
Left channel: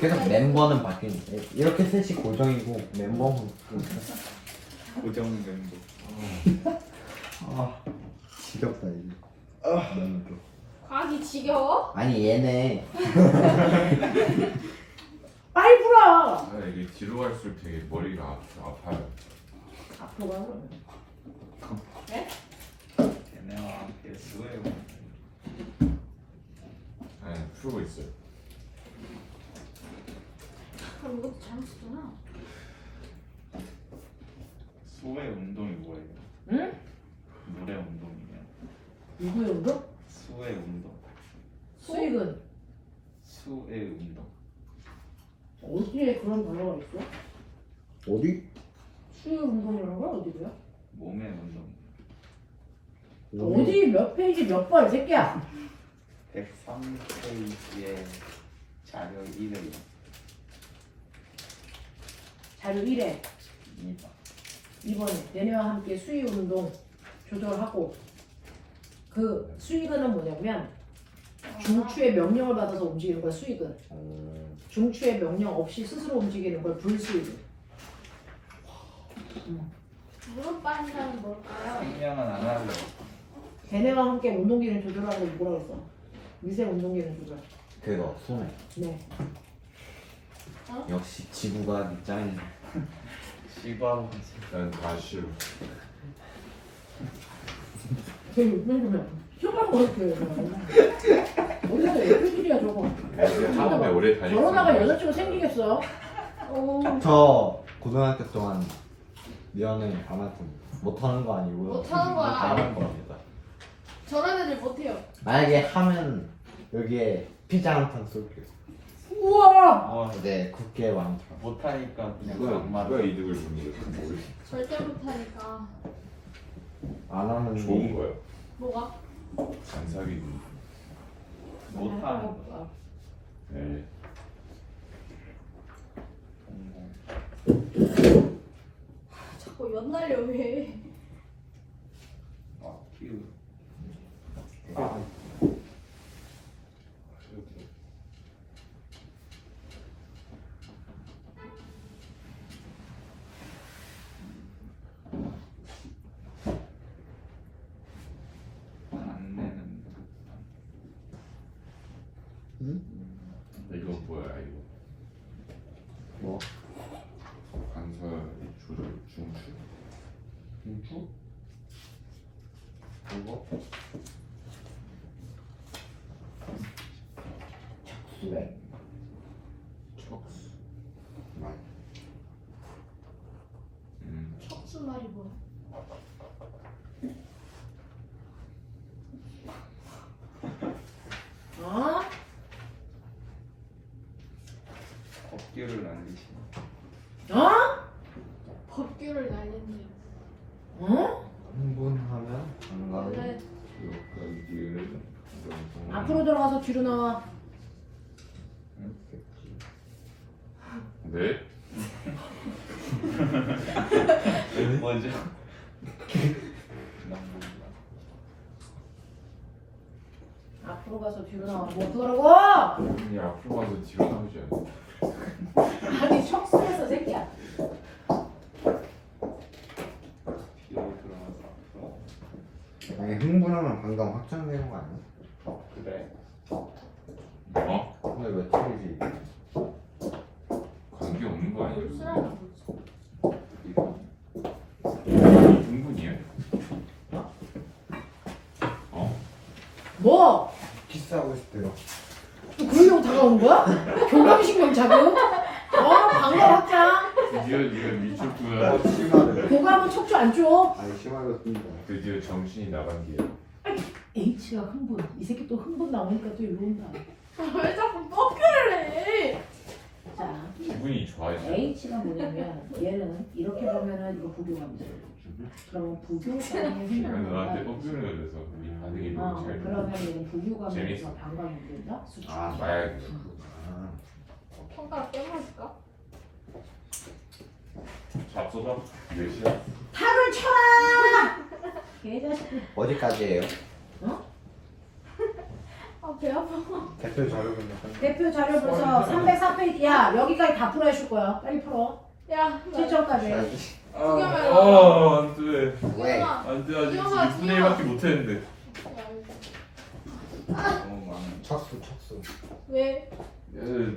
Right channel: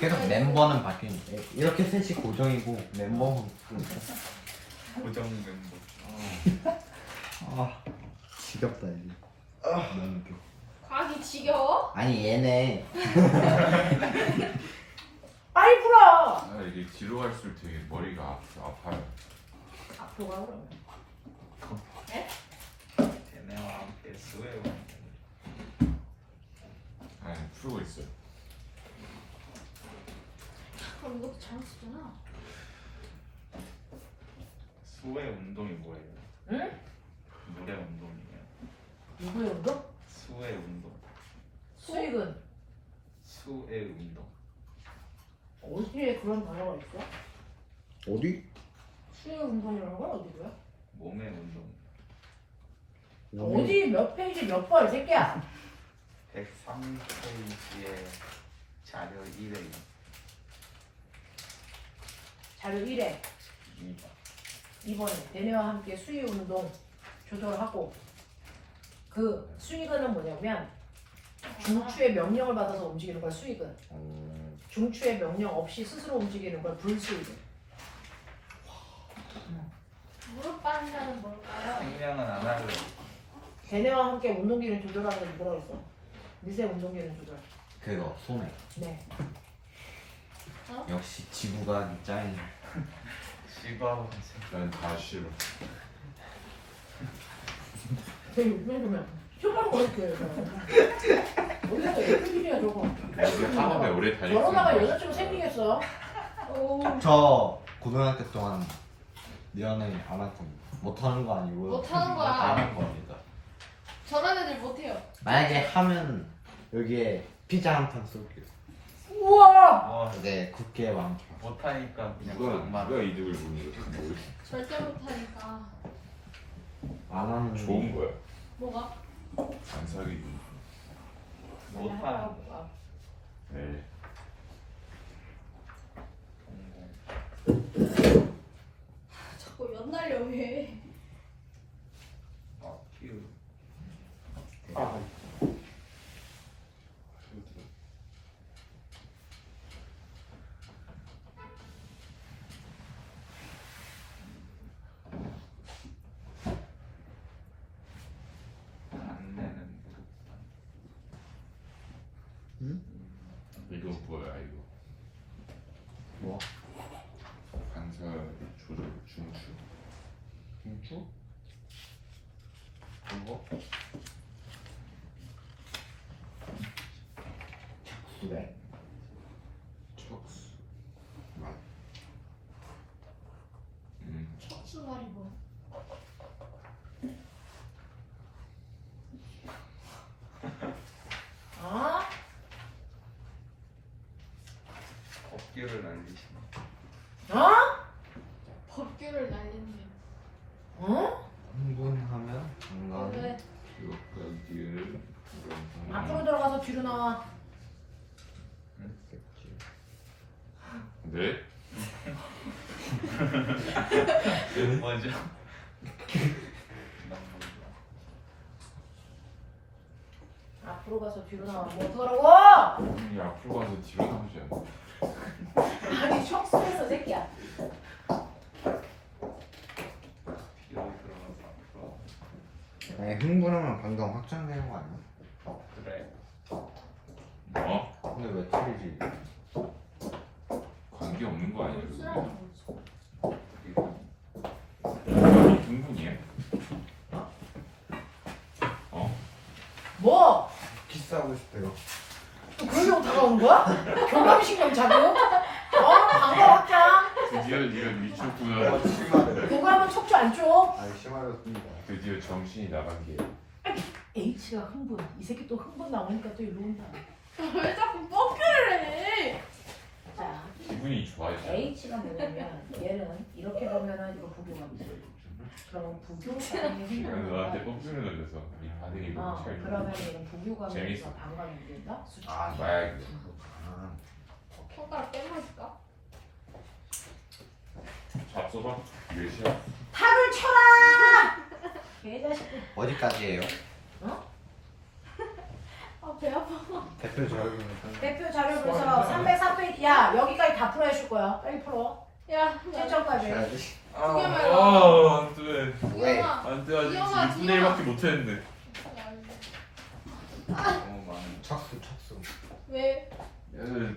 계속 멤버는 바뀌니까 이렇게 셋이 고정이고 멤버는 고정된 거. 아 지겹다 이제. 너무 웃겨. 과학이 지겨워? 아니 얘네 빨리 불어! 아, 이게 뒤로 갈수록 되게 머리가 아파요. 앞으로 가라 그러면. 대뇌와 함께 수혜로. 아니 풀고 있어요. 아 이것도 잘못 쓰잖아. 수혜 운동이 뭐예요? 응? 노래 운동이에요. 누구의 운동? 수혜 운동. 수익은 수혜 운동. 어디에 그런 단어가 있어? 어디? 수익 운동이라는 건 어디고요? 몸의 운동. 어디 몇 페이지 몇 번 이 새끼야? 103페이지에 자료 1회 자료 1회 2번. 2번에 대뇌와 함께 수익 운동 조절하고 그 수익은 뭐냐면 중추의 명령을 받아서 움직이는 걸 수익은 중추의 명령 없이 스스로 움직이는 걸 불수익. 무릎 반사는 뭘까요? 생명은 안 할래. 대뇌와 함께 운동기능 조절하는 걸 누구라고 했어? 미세 운동기능 조절. 그거 손에. 네. 역시 지구가 짱이네. 시바하고 난 다 싫어. 되게 그러면 휴방 그렇게 어디서 애기들이야 저거. 처음에 오래 다녔어. 결혼하가 여자친구 생기겠어? 오. 저 고등학교 동안 미연은 안 하고 못하는 거 아니고요. 못하는 거야. 안 하는 겁니다. 저런 애들 못해요. 만약에 하면 여기에 피자 한 판 쏠게요. 우와! 네, 국회 왕초. 못하니까 누가 안 맞아. 누가 이득을 보는 거지? 절대 못하니까. 안 하는 좋은 거야. 뭐가? 안 사귀기. 못하는 네. 자꾸 연날려 왜? 안내는 이거 뭐야 이거? 뭐? 반사 조절 중추? 중추? 이거? 척수래. 척수. 척수 말이 뭐야? 어? 법규를 날리시는 어? 법규를 날렸네요. 어? 흥분하면 건강. 원래 여기를 앞으로 들어가서 뒤로 나와. 네? 먼저 앞으로 가서 뒤로 나와. 뭐 어떡하라고? 이 앞으로 가서 뒤로 나오셔야 돼. 아니 척수에서 새끼야. 뒤로 들어가서 앞으로. 아니 흥분하면 방광 확장되는 거 아니야? 그래. 뭐? 근데 왜 틀리지? 관계 없는 거 아니야? 쓰라는 거지. 흥분이야? 어? 뭐? 키스하고 있을 때가. 그러려고 다가온 거야? 교감신경 자극? 방광 확장? 드디어 지금 미쳤구나. 심하네. 교감은 척추 안 줘. 아니 심하겠습니다. 드디어 정신이 나간 게. H가 흥분. 이 새끼 또 흥분 나오니까 또 이러고 온다. 왜 자꾸 뻑큐를 해? 자, 기분이 좋아지. H가 뭐냐면 얘는 이렇게 보면은 이거 부교감이야. 그럼 부교감이 그래서 너한테 뻑큐를 걸려서 이 반응이 너무 잘. 그러면 얘는 부교감에서 재밌어. 방광이 된다? 수축. 아, 봐야겠어. 아, 손가락 떼마실까? 잡숴봐. 몇이야? 탁을 쳐라! 개자식들. 어디까지예요? 아, 배 아파. 대표 자료입니까? 대표 자료 보서 304페이지. 야, 여기까지 다 풀어 해줄 거야. 빨리 풀어. 야, 최초까지. 두개만 아, 안 돼. 왜? 안 돼, 아직 이형아, 2분의 1밖에 못했는데. 너무 많은. 척수. 왜?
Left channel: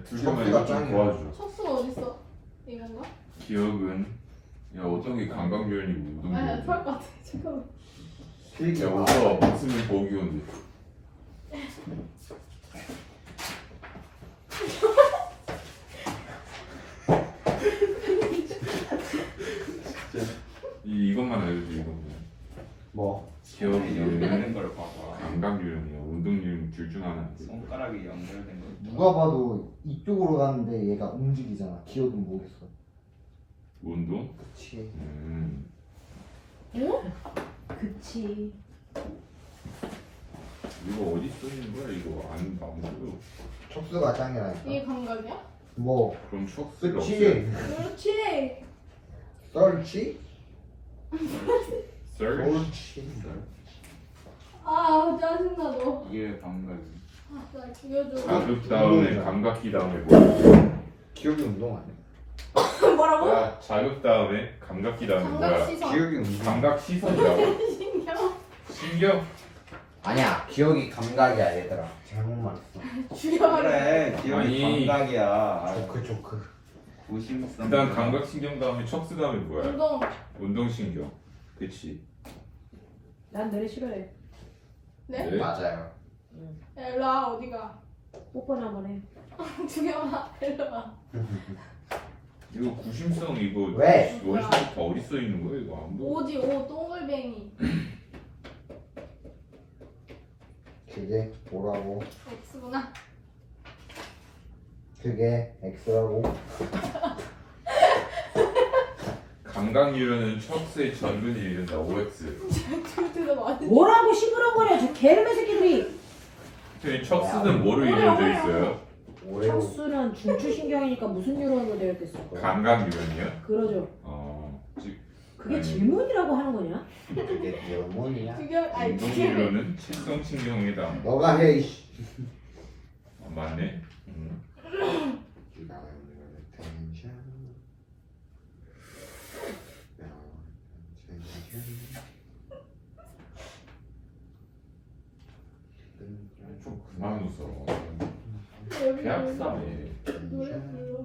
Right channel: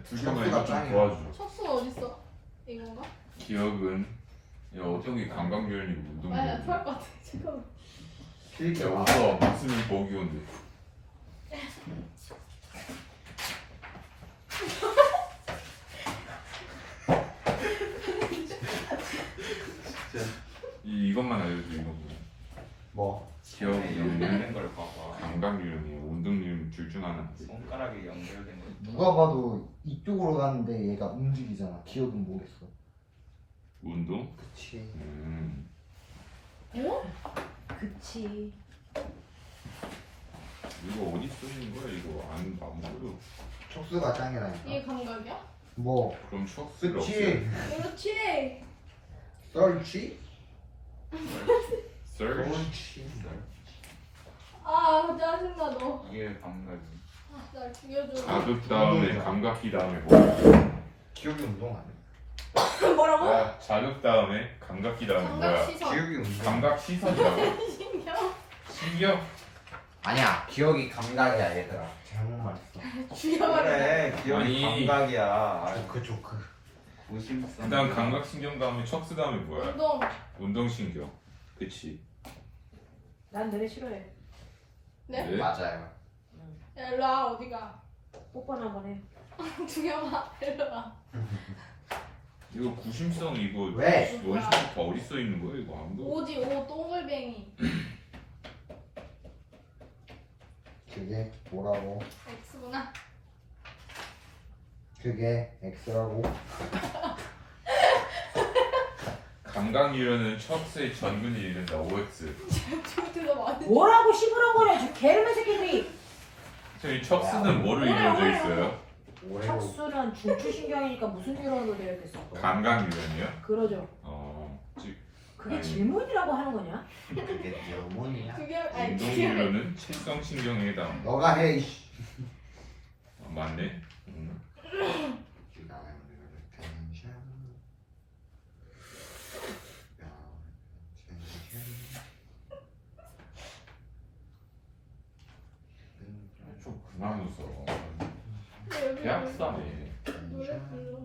두 개만 이거 좀 도와줘. 척수가 어딨어? 이건가? 기억은 야 어떤 게 감각유연이고 아, 운동유연이고. 토할 것 같아. 잠깐만. 필기 야 오빠 무슨 보기 온데. 이것만 알려줘 이것만. 뭐? 기억이 연결되는 걸 봐봐. 감각유연이야 운동유연 둘 중 하나. 손가락이 연결된 거. 누가 봐도 이쪽으로 가는데 얘가 움직이잖아. 기어도 모르겠어. 운동? 그치. 응? 그치. 이거 어디 쓰는 거야 이거 안 보여. 척수가 짱이라니까. 이게 감각이야? 뭐? 그럼 척수를 그치. 그렇지. 썰치? 썰치? 아, 짜증나 너. 이게 감각이. 아, 나 죽여줘. 자극 다음에 감각기 다음에 뭐야? 기억이 운동 아니야? 뭐라고? 아, 자극 다음에 감각기 다음에 감각 뭐야? 시선. 기억이 운동. 감각 시선이라고? 신경. 신경? 아니야. 기억이 감각이야 얘들아. 잘못 말했어. 죽여버려. 그래. 기억이 아니. 감각이야. 조크. 무심성. 그다음 감각 신경 다음에 척수 다음에 뭐야? 운동. 운동 신경. 그치? 난 너네 싫어해. 네? 맞아요. 야, 일로 와. 어디가? 뽀뽀나 한번 해. 죽여봐. 일로 와. 이거 구심성 이거 왜? 원시부터 어디 써 있는 거야 이거 안 보여? 오지 오 똥글뱅이. 그게 뭐라고? X구나. 그게 X라고. 감각 유연은 척수의 전근이 이른다 OX. 저한테도 많이. 뭐라고 시부렁거려. 저 개름의 새끼들이. 저희 척수는 뭐로 이루어져 있어요? 오레오. 척수는 중추신경이니까 무슨 유형으로 되어 있겠어? 감각 유연이요? 그러죠. 즉 그게 아니. 질문이라고 하는 거냐? 그게 질문이야? 규경 아니 규경 운동진로는 칠성신경에 해당. 너가 해 이씨. 아, 맞네. 좀 그만 웃어. 여기 배 아프다네. 노래 불러.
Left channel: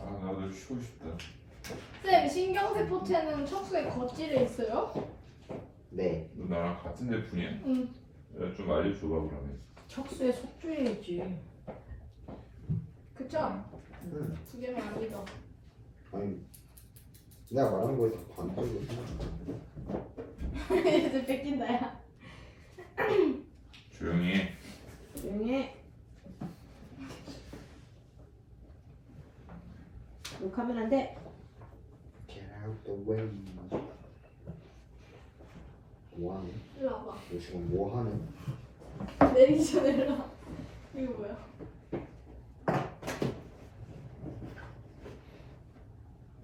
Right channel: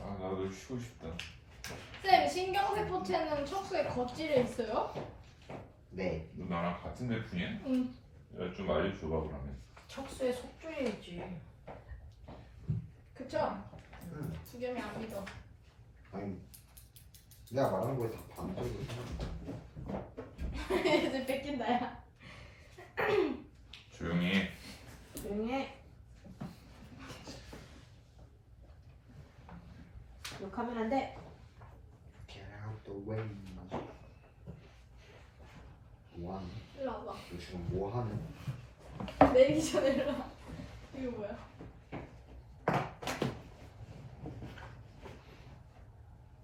아 나도 쉬고 싶다. 쌤 신경세포체는 척수에 거칠에 있어요? 네. 너 나랑 같은 대푼이야? 응. 야, 좀 알려줘봐 그러면. 척수에 속주이겠지. 그쵸? 응. 규경이 안 믿어. 아니 내가 말하는 거에 다 반대로. 이제 뺏긴다 야. 조용히 해. 조용히 해. 욕하면 안 돼. Get out the way. 뭐 하는? 일로 와봐. 너 지금 뭐 하는? 내리기 전에 일로 와. 이거 뭐야?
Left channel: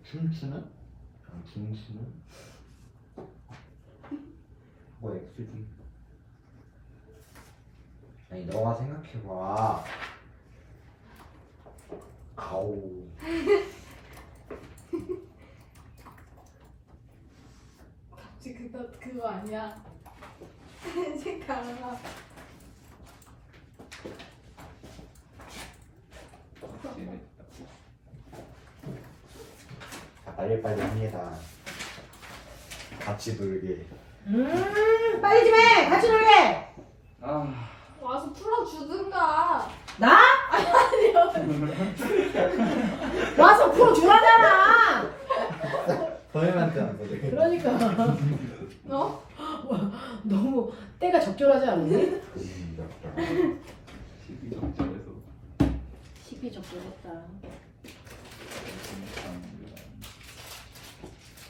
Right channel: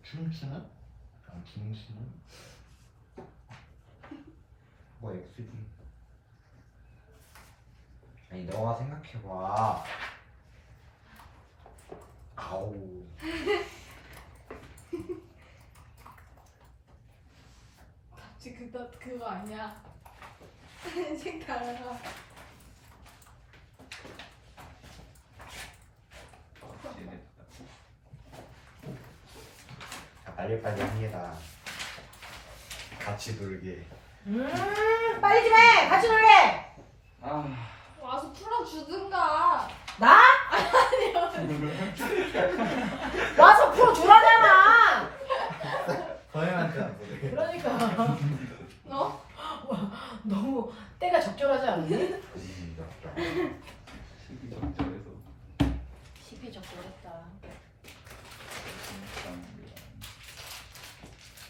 춤추는? 아 춤추는? 뭐 X지? 아니 너가 생각해봐. 아우. 지금 그거 아니야. 생각 안 나. 자 빨리빨리 합니다. 같이 놀게. 빨리 좀 해. 같이 놀래. 아 와서 풀어주든가. 나? 와서 풀어주라잖아. 선생님한테 안 그래. 그러니까 어? 너무 때가 적절하지 않니? 시기 적절해서 시기 적절했다.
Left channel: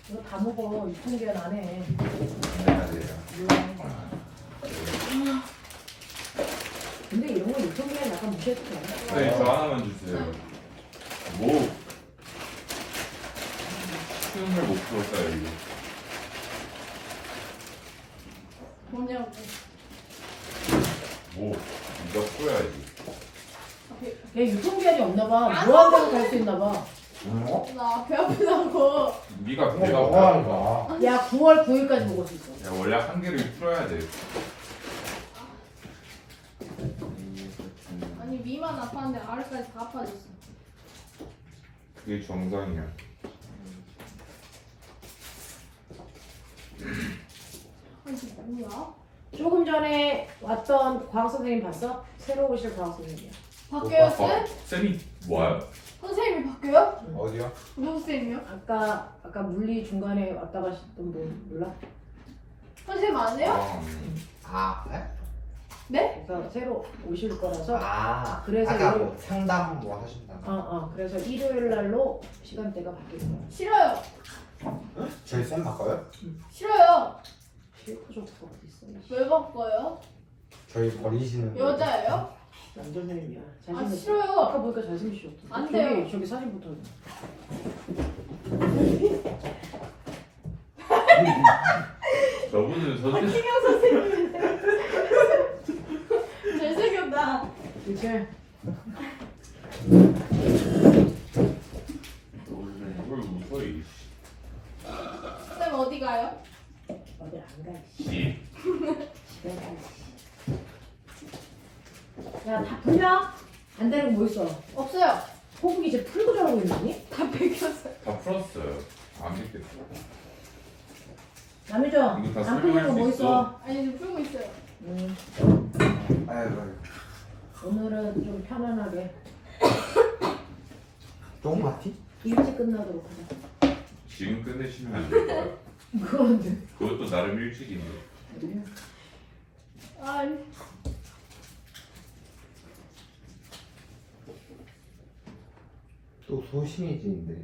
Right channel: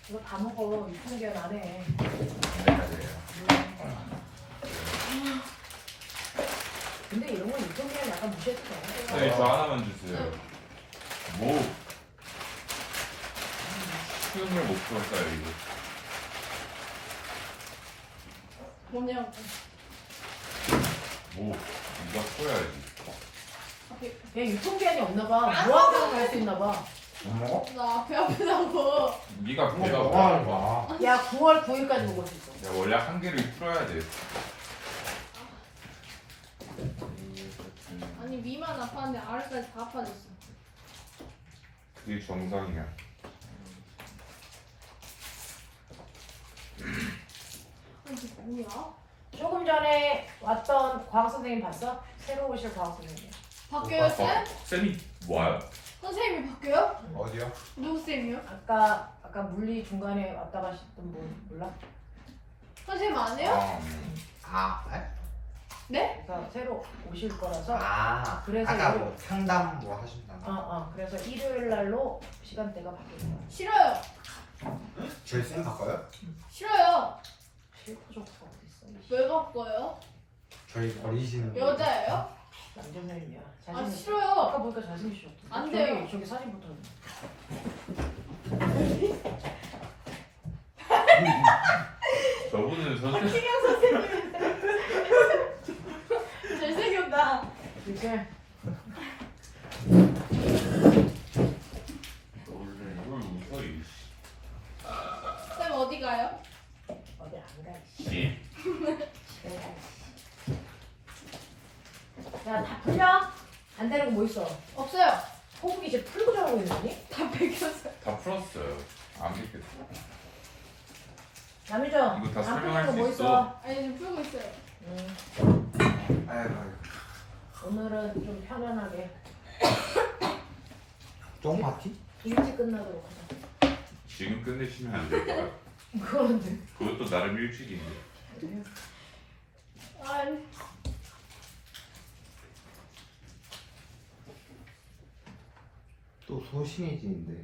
이거 다 먹어. 유통기한 안 해. 근데 이런 거 유통기한 약간 무시해도 돼. 네, 저 하나만 주세요. 뭐? 수영을 못 풀었어요 이거. 뭐냐고. 뭐? 이거 풀어야지. 얘 유통기한이 없나 봐. 무한대로 갈 수 있나 봐. 뭐? 나 배 아프다고. 네가 그거 배가 뭐가 하는 고파. 거야? 야 9월 9일까지 먹을 수 있어. 야 원래 한 개를 풀어야 돼. 아니 위만 아팠는데 아래까지 다 아파졌어. 그게 정상이야. 아니 이게 뭐야? 조금 전에 왔던 과학 선생님 봤어? 새로 오실 과학 선생님. 바뀌어요 쌤? 쌤이 뭐야? 선생님이 바뀌어요? 어디요? 누구 쌤이요? 아까 물리 중간에 왔다 가시던 분 몰라? 선생님 안 해요? 아, 네? 그래서 새로 오실 거라서 아, 그래서 아까 이거- 뭐 상담 뭐 하신다. 그래서 일요일 날로 시간대가 바뀔 거야. 싫어요. 저희 쌤 바꿔요? 싫어요. 싫고 좋고 어디 있어? 왜 바꿔요? 저희 버리시는 거. 여자예요? 남자 선생님이야. 아 싫어요. 아까 보니까 잘생기셨어. 안 돼요. 저기 사진부터. 저분은 저 박진영 선생님. 잘생겼다. 이제 원래 이걸 웃어 이 쌤 어디 가요? 어디 안 가. 씨. 집에 가. 야다 풀려? 안 되는 거 뭐 있어? 없어요. 호흡이 지금 풀고 자라고 있니? 다 뺏겼어요. 다 풀었어요. 안 믿겠어. 남이죠? 이거 다 안 풀린 설명할 거 뭐 수 있어? 아니 지금 풀고 있어요. 아이고. 오늘은 좀 편안하게 쫑 파티? 일찍 끝나도록 하자. 지금 끝내시면 안 될까요? 그런데 그것도 나름 일찍인데. 아니 또 소심해지는데.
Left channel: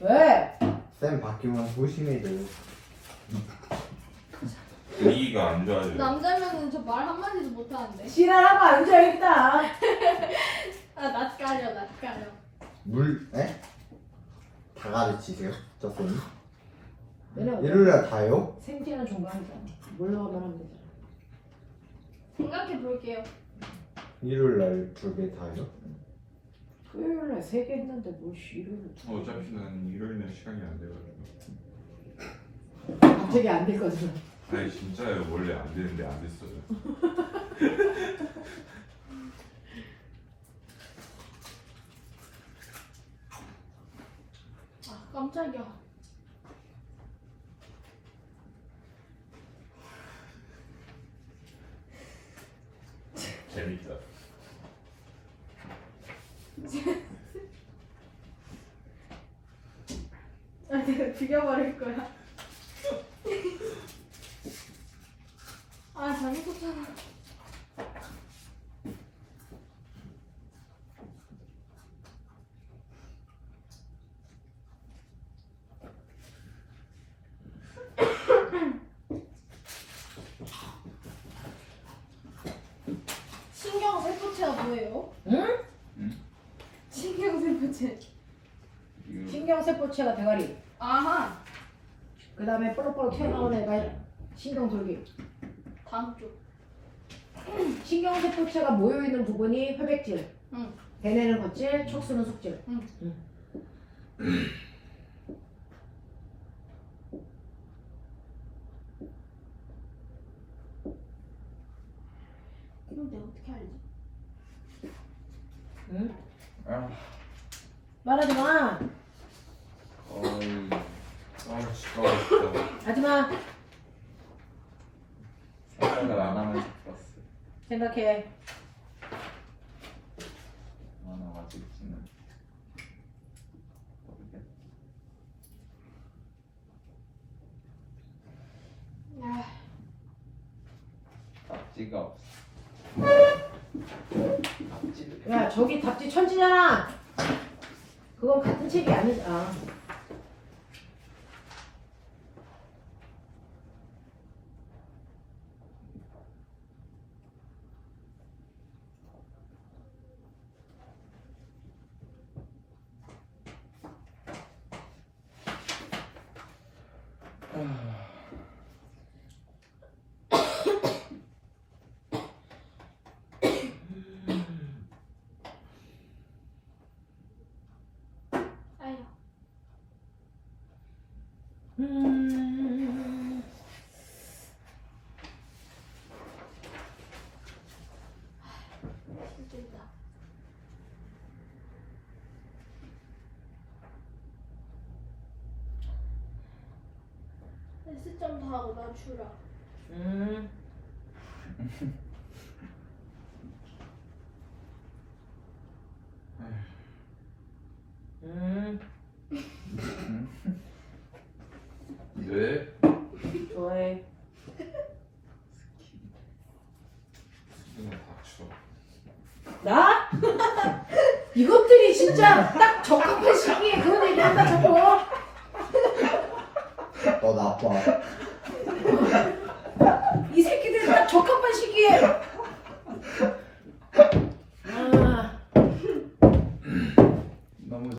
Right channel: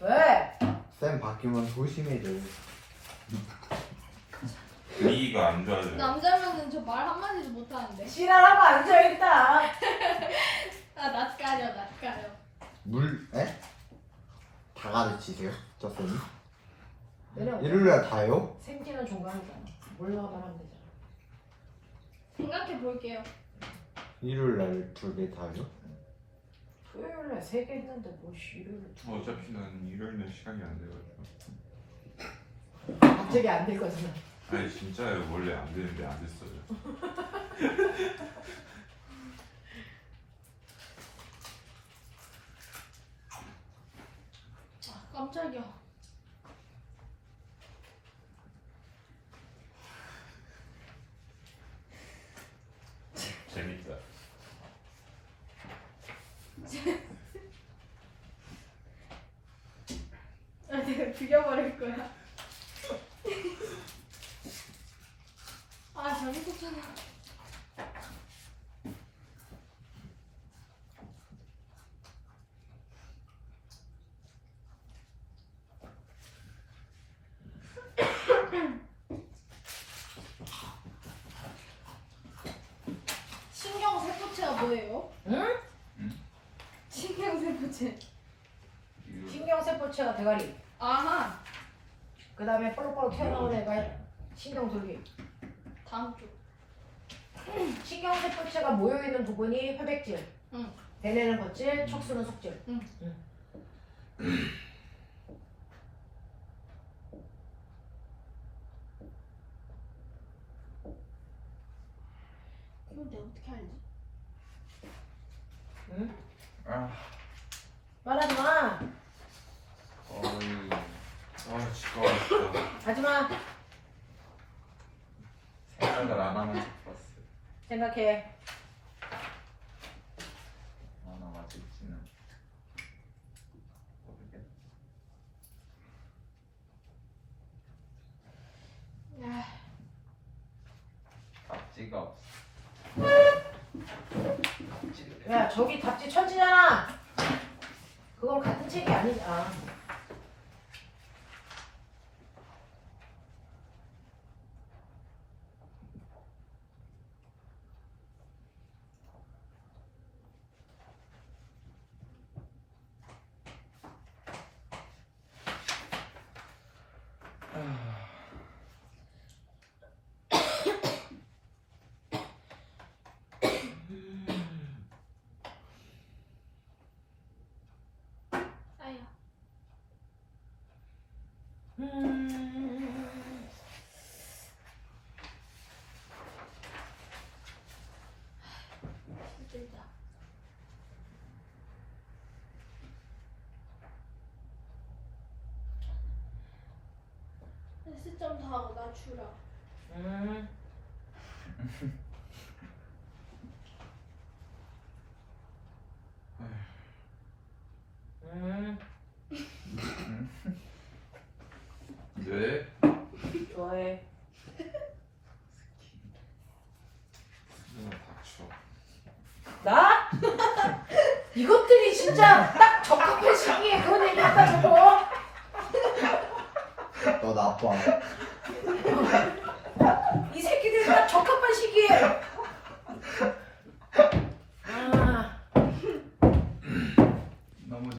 왜? 쌤 바뀌면 소심해져. 분위기가 안 좋아져요. 남자면은 저 말 한마디도 못하는데. 지랄하고 앉아있다. 아 낯가려 낯가려. 물? 에? 다 가르치세요? 저 쌤이? 왜냐면 일요일날 다요? 생지는 종강이잖아. 몰라오면 하면 되잖아. 생각해 볼게요. 일요일날 2개 다요? 토요일날 3개 했는데 뭐 일요일 어차피 난 일요일날 시간이 안 돼가지고. 갑자기 안 되거든. 아니 진짜요. 원래 안 되는데 안 됐어요. 아 깜짝이야. 재밌다. 아 내가 죽여버릴 거야. 아 잘못했잖아. 신경세포체가 뭐예요? 응? 신경세포체. 신경세포체가 대가리. 아하. 그 다음에 볼록볼록 튀어나오는 애가 신경돌기. 다음 쪽. 신경세포체가 모여있는 부분이 회백질. 응. 대뇌는 겉질, 척수는 속질. 응. 근데 어떻게 알지? 응? 아 말하지 마. 거의 아 진짜. 하지 마. 생각을 안 하면서 풀었어요. 생각해. 얼마나 맞을지는 모르겠. 답지가 없어. 답지를 야, 저기 답지 천지잖아. 그건 같은 책이 아니다. 아야. 힘들다. S점 더 하고 나 주라. 음. 왜? 좋아해. 수준을 닥쳐. 나? 이것들이 진짜 딱 적합한 시기에 그런 얘기 한다 저거. 너 나빠.